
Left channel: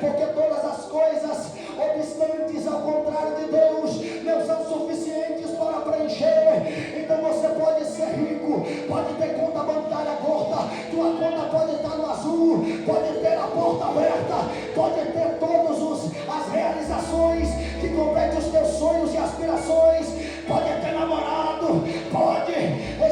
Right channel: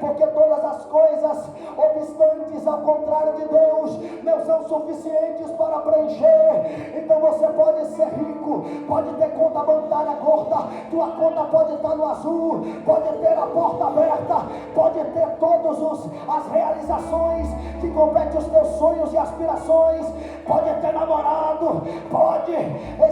Porque todas as coisas obstantes ao contrário de Deus não são suficientes para preencher. Então você pode ser rico, pode ter conta bancária gorda, tua conta pode estar no azul, pode ter a porta aberta, pode ter todas as realizações que competem os teus sonhos e aspirações, pode ter namorado, pode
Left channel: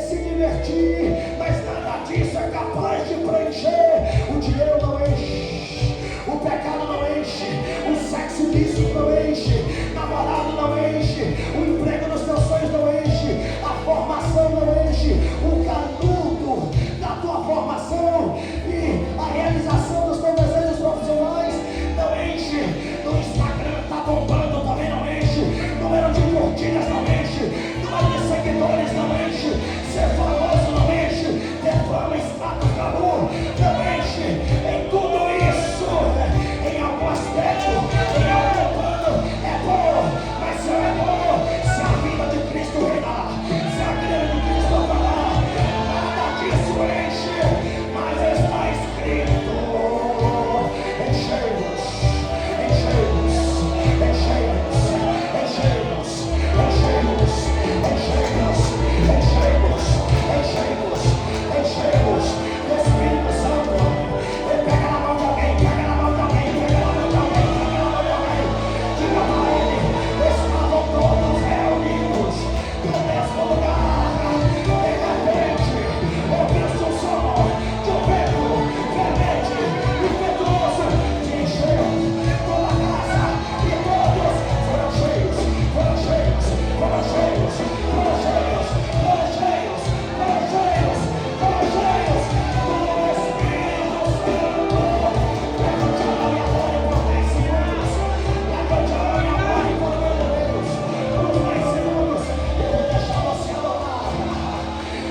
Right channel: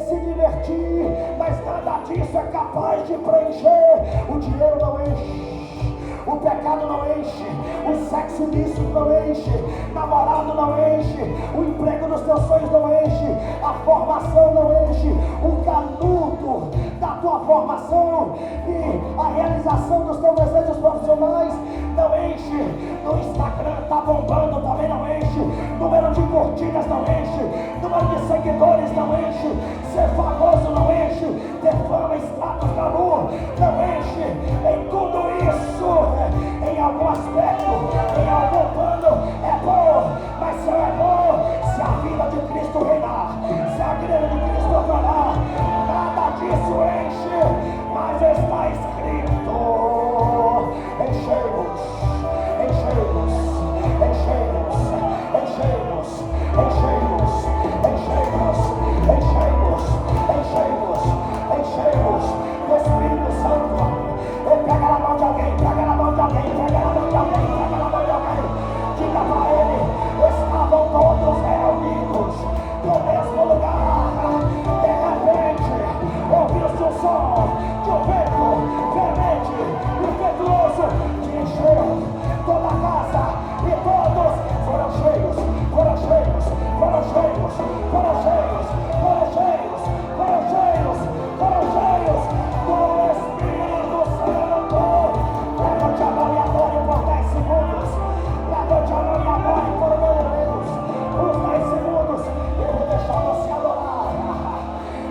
se divertir, mas nada disso é capaz de preencher. O dinheiro não enche, o pecado não enche, o sexo ilícito não enche, namorado não enche, o emprego dos teus sonhos não enche, a formação não enche, o canudo da tua formação e a realização dos teus desejos profissionais não enche. No Instagram está bombando, também não enche. Número de curtidas não enche, número de seguidores não enche, ser famoso não enche, ter fama, status, glamour não enche. Em tudo isso, em algum aspecto, em algum plano é bom, mas só é bom se a vida de Cristo reinar, se a vida de Cristo falar. Nada disso enche, mas está escrito: enchei-vos, enchei-vos, enchei-vos, enchei-vos, enchei-vos, enchei-vos, enchei-vos, enchei-vos, enchei-vos do Espírito Santo. Pega na mão de alguém, pega na mão de alguém, pega na mão de alguém, pega na mão de alguém. Diga para ele: estavam todos reunidos no mesmo lugar. De repente, ouviu-se o som de um vento fervente e impetuoso que encheu toda a casa, e todos foram cheios, foram cheios, foram cheios, foram cheios, foram cheios, foram cheios, foram cheios do Espírito Santo. Levante a mão e adore por 10 segundos. Levante a mão e adore por Deus. Por 10 segundos. Eu vou deixar você adorar.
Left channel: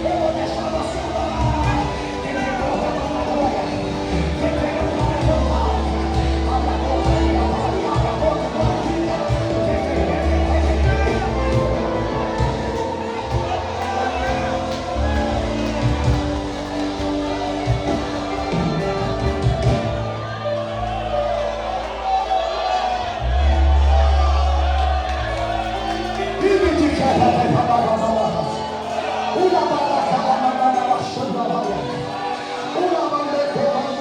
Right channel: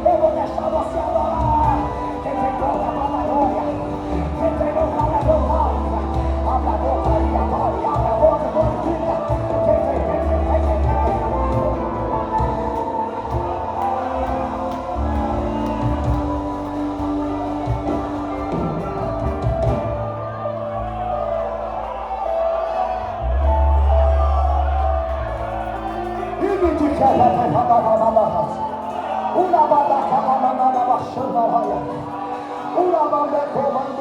Eu vou deixar você adorar. Quem pegou a batalha, quem pegou a batalha, abra a boca e adore, abra a boca e glorifica. Uma banda comando,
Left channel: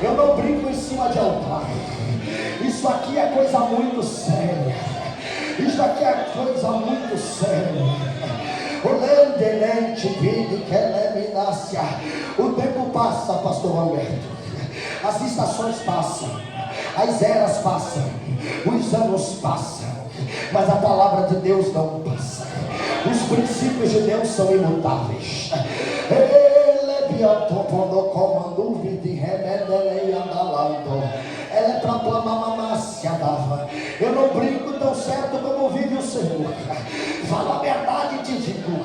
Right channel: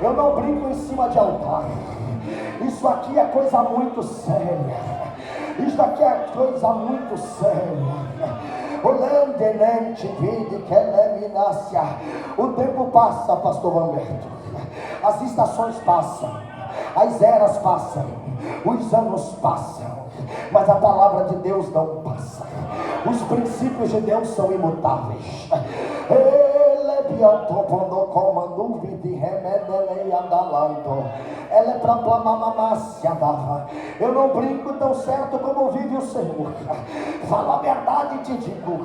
Eu não brinco em cima de altar. Isso aqui é coisa muito séria. Isso aqui é coisa muito séria. O tempo passa, pastor Humberto. As estações passam, as eras passam, os anos passam, mas a palavra de Deus não passa. Os princípios de Deus são imutáveis. Ela é para eu não brinco tão certo como vive o Senhor. Fala a verdade, te digo.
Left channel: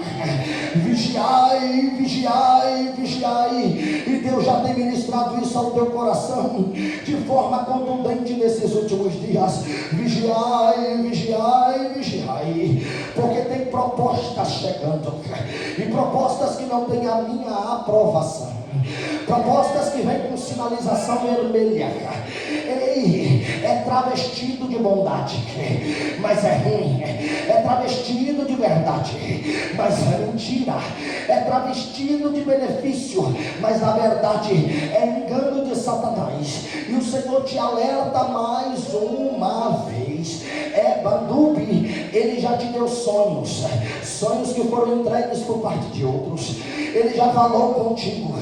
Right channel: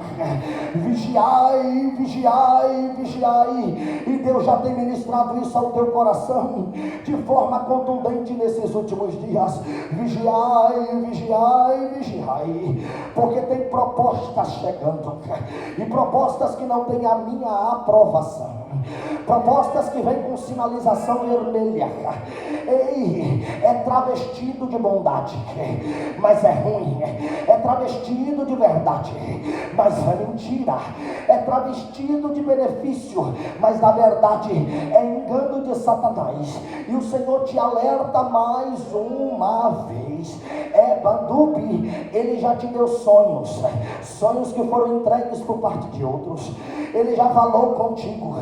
Vigiai, vigiai, vigiai. E Deus já tem ministrado isso ao teu coração de forma contundente nesses últimos dias. Vigiai, vigiai, vigiai. Porque tem propostas chegando, e propostas que não têm a minha aprovação, propostas que vêm com sinalização vermelha. Ei, é travestido de bondade, mas é ruim. É travestido de verdade, mas é mentira. É travestido de benefício, mas na verdade é engano de Satanás. E o Senhor te alerta mais uma vez. Bandubi, Ele já te deu sonhos, sonhos que foram entregues por parte de outros. Ele já falou contigo,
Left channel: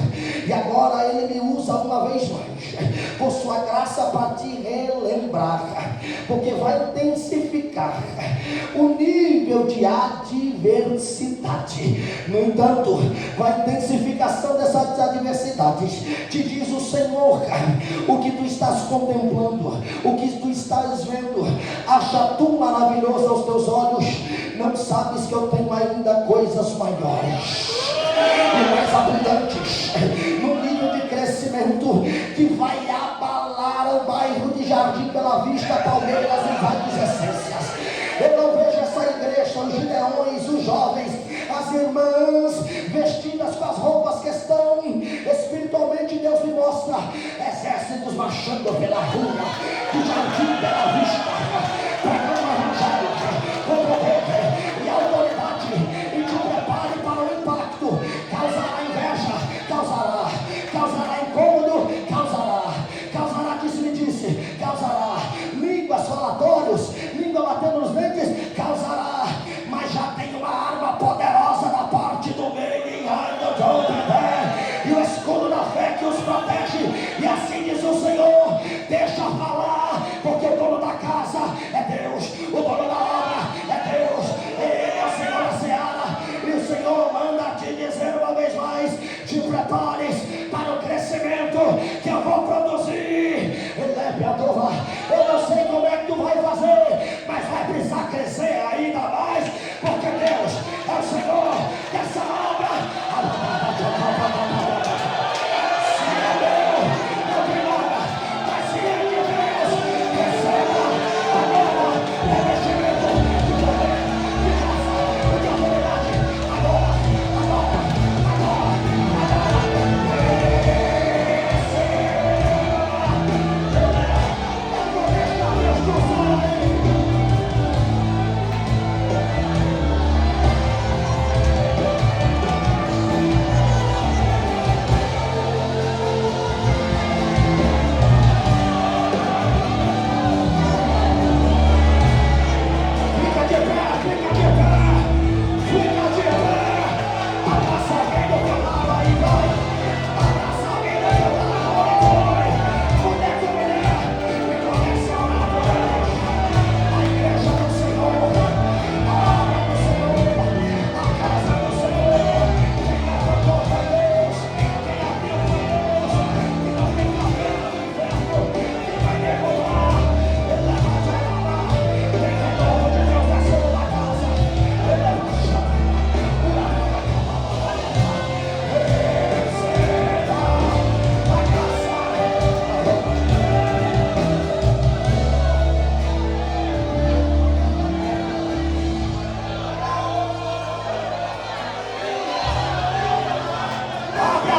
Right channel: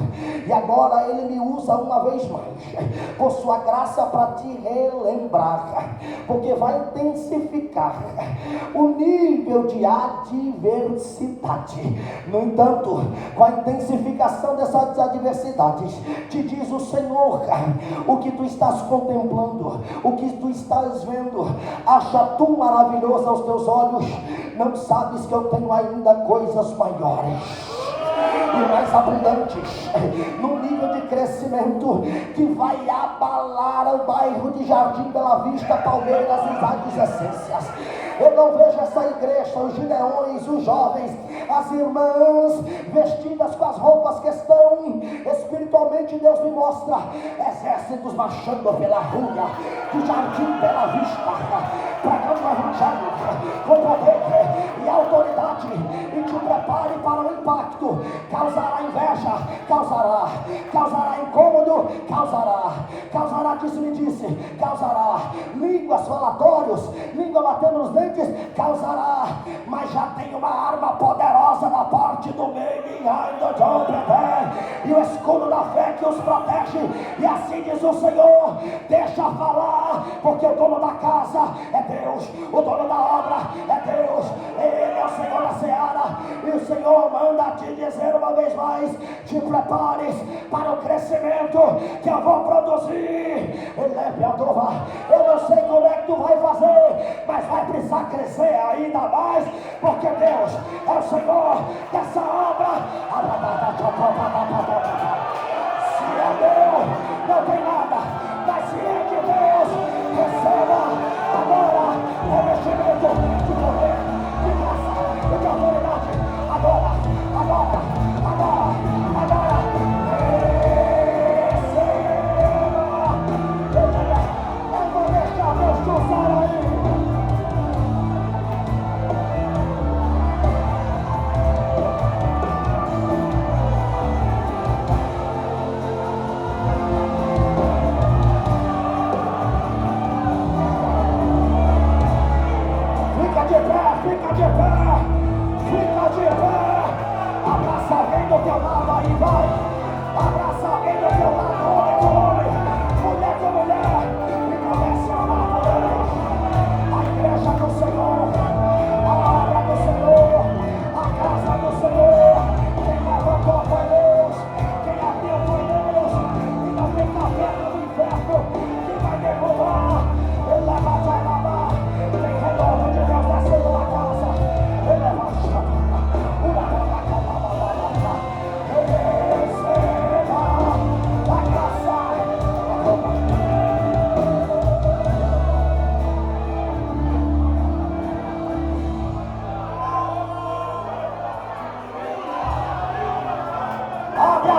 e agora Ele me usa uma vez mais, por sua graça, para te relembrar, porque vai intensificar o nível de adversidade. No entanto, com a intensificação dessas adversidades, te diz o Senhor: o que tu estás contemplando, o que tu estás vendo, acha tu maravilhoso aos teus olhos? Não sabes que eu tenho ainda coisas maiores e mais abundantes, no nível de crescimento que vai abalar o bairro de Jardim Bela Vista, Palmeiras e Vales Essências. Eu não vejo essa igreja, os gideões, os jovens, as irmãs vestidas com as roupas que estão espiritualmente. Deus me mostra exércitos marchando pela rua de Jardim Bela Vista, pregando o evangelho com poder e autoridade. E te prepare para o impacto. Causará inveja, causará incômodo, causará disse, causará línguas, falatórios, língua batendo nos dentes, causará, mas já tem uma arma poderosa da parte do meio, e o escudo da fé que os protege. E assim diz o Senhor: deixa falar, porque o dono da casa é Deus, o dono da obra é Deus, Ele é o Senhor da seara. E o Senhor manda te dizer uma vez mais: te prepares para o crescimento que eu vou produzir. Eu não sei como é que tu vai fazer, mas vai precisar crescer ainda mais, porque Deus é o Senhor dessa obra. Se é meu, não tem nada, mas se é de Deus, receba agora revestimento de poder, de graça, de autoridade. Agora.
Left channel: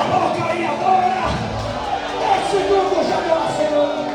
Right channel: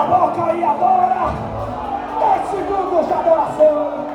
a boca e adora. 10 segundos de adoração.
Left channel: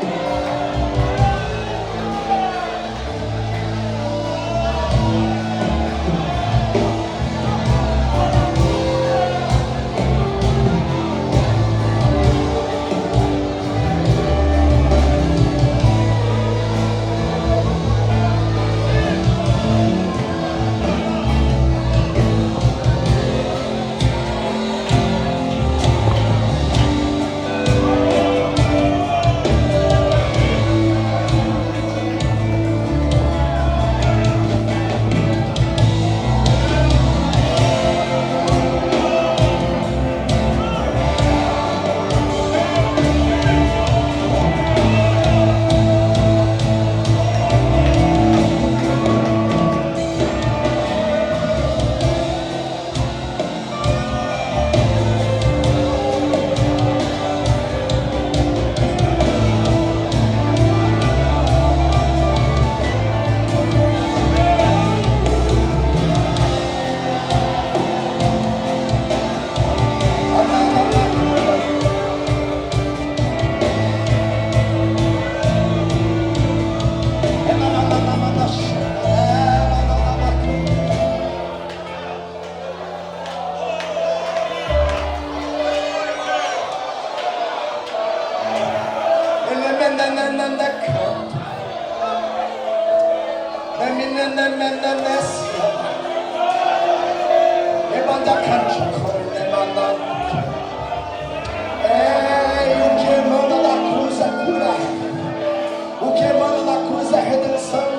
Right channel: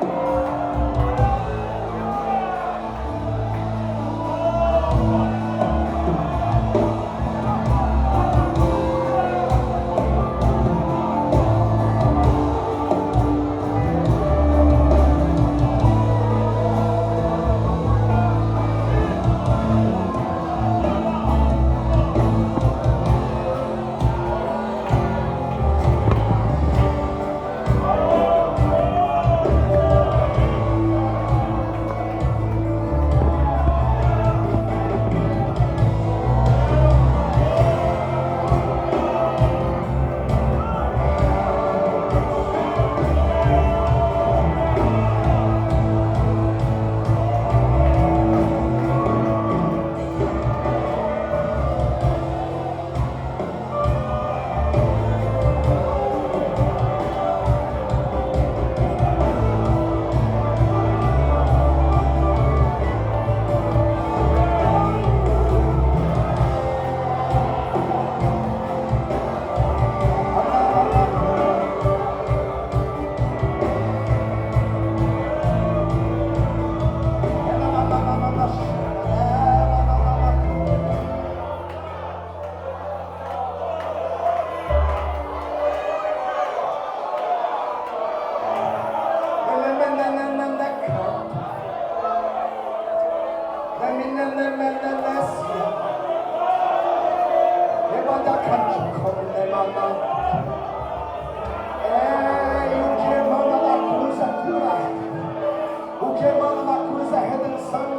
O que emana na cruz é redenção.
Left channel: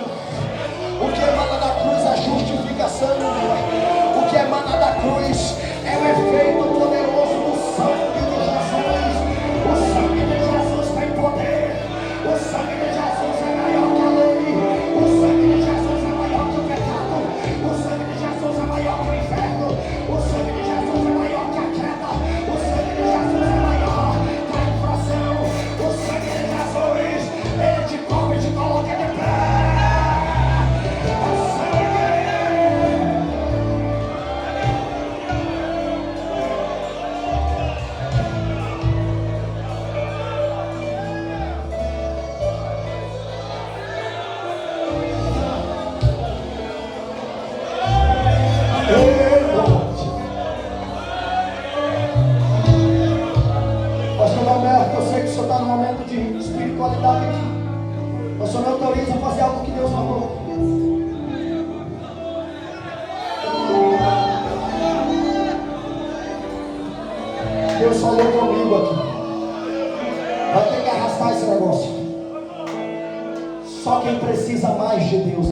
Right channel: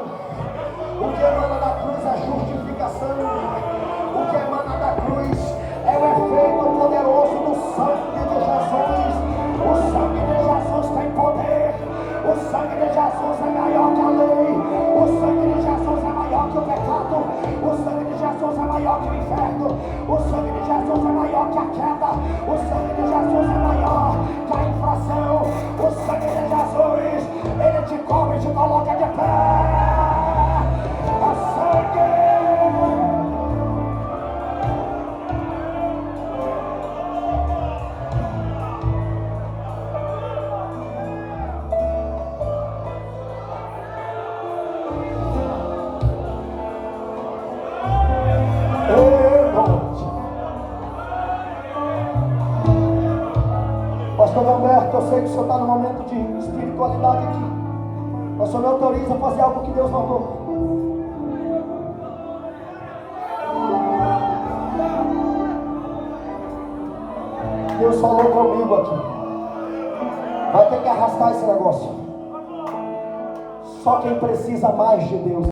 O que emana da cruz é justificação. O que emana da cruz é o efeito poderoso do sangue de Jesus. O sangue de Jesus tem poder. O sangue de Jesus é maior que a lei. O sangue de Jesus é maior que o pecado. O sangue de Jesus é maior que o inferno. O sangue de Jesus é maior que a queda. O sangue de Jesus é maior que a infração. O sangue de Jesus, ele te cobre e te coloca de pé. Pastor Alberto, eu sei que o senhor está no momento de espiritualidade aqui. O senhor me autoriza a fazer algo que Deus mandou. Deus falou comigo aqui. Vai ter que arrastar esse negócio. Só quem precisa mais de Deus.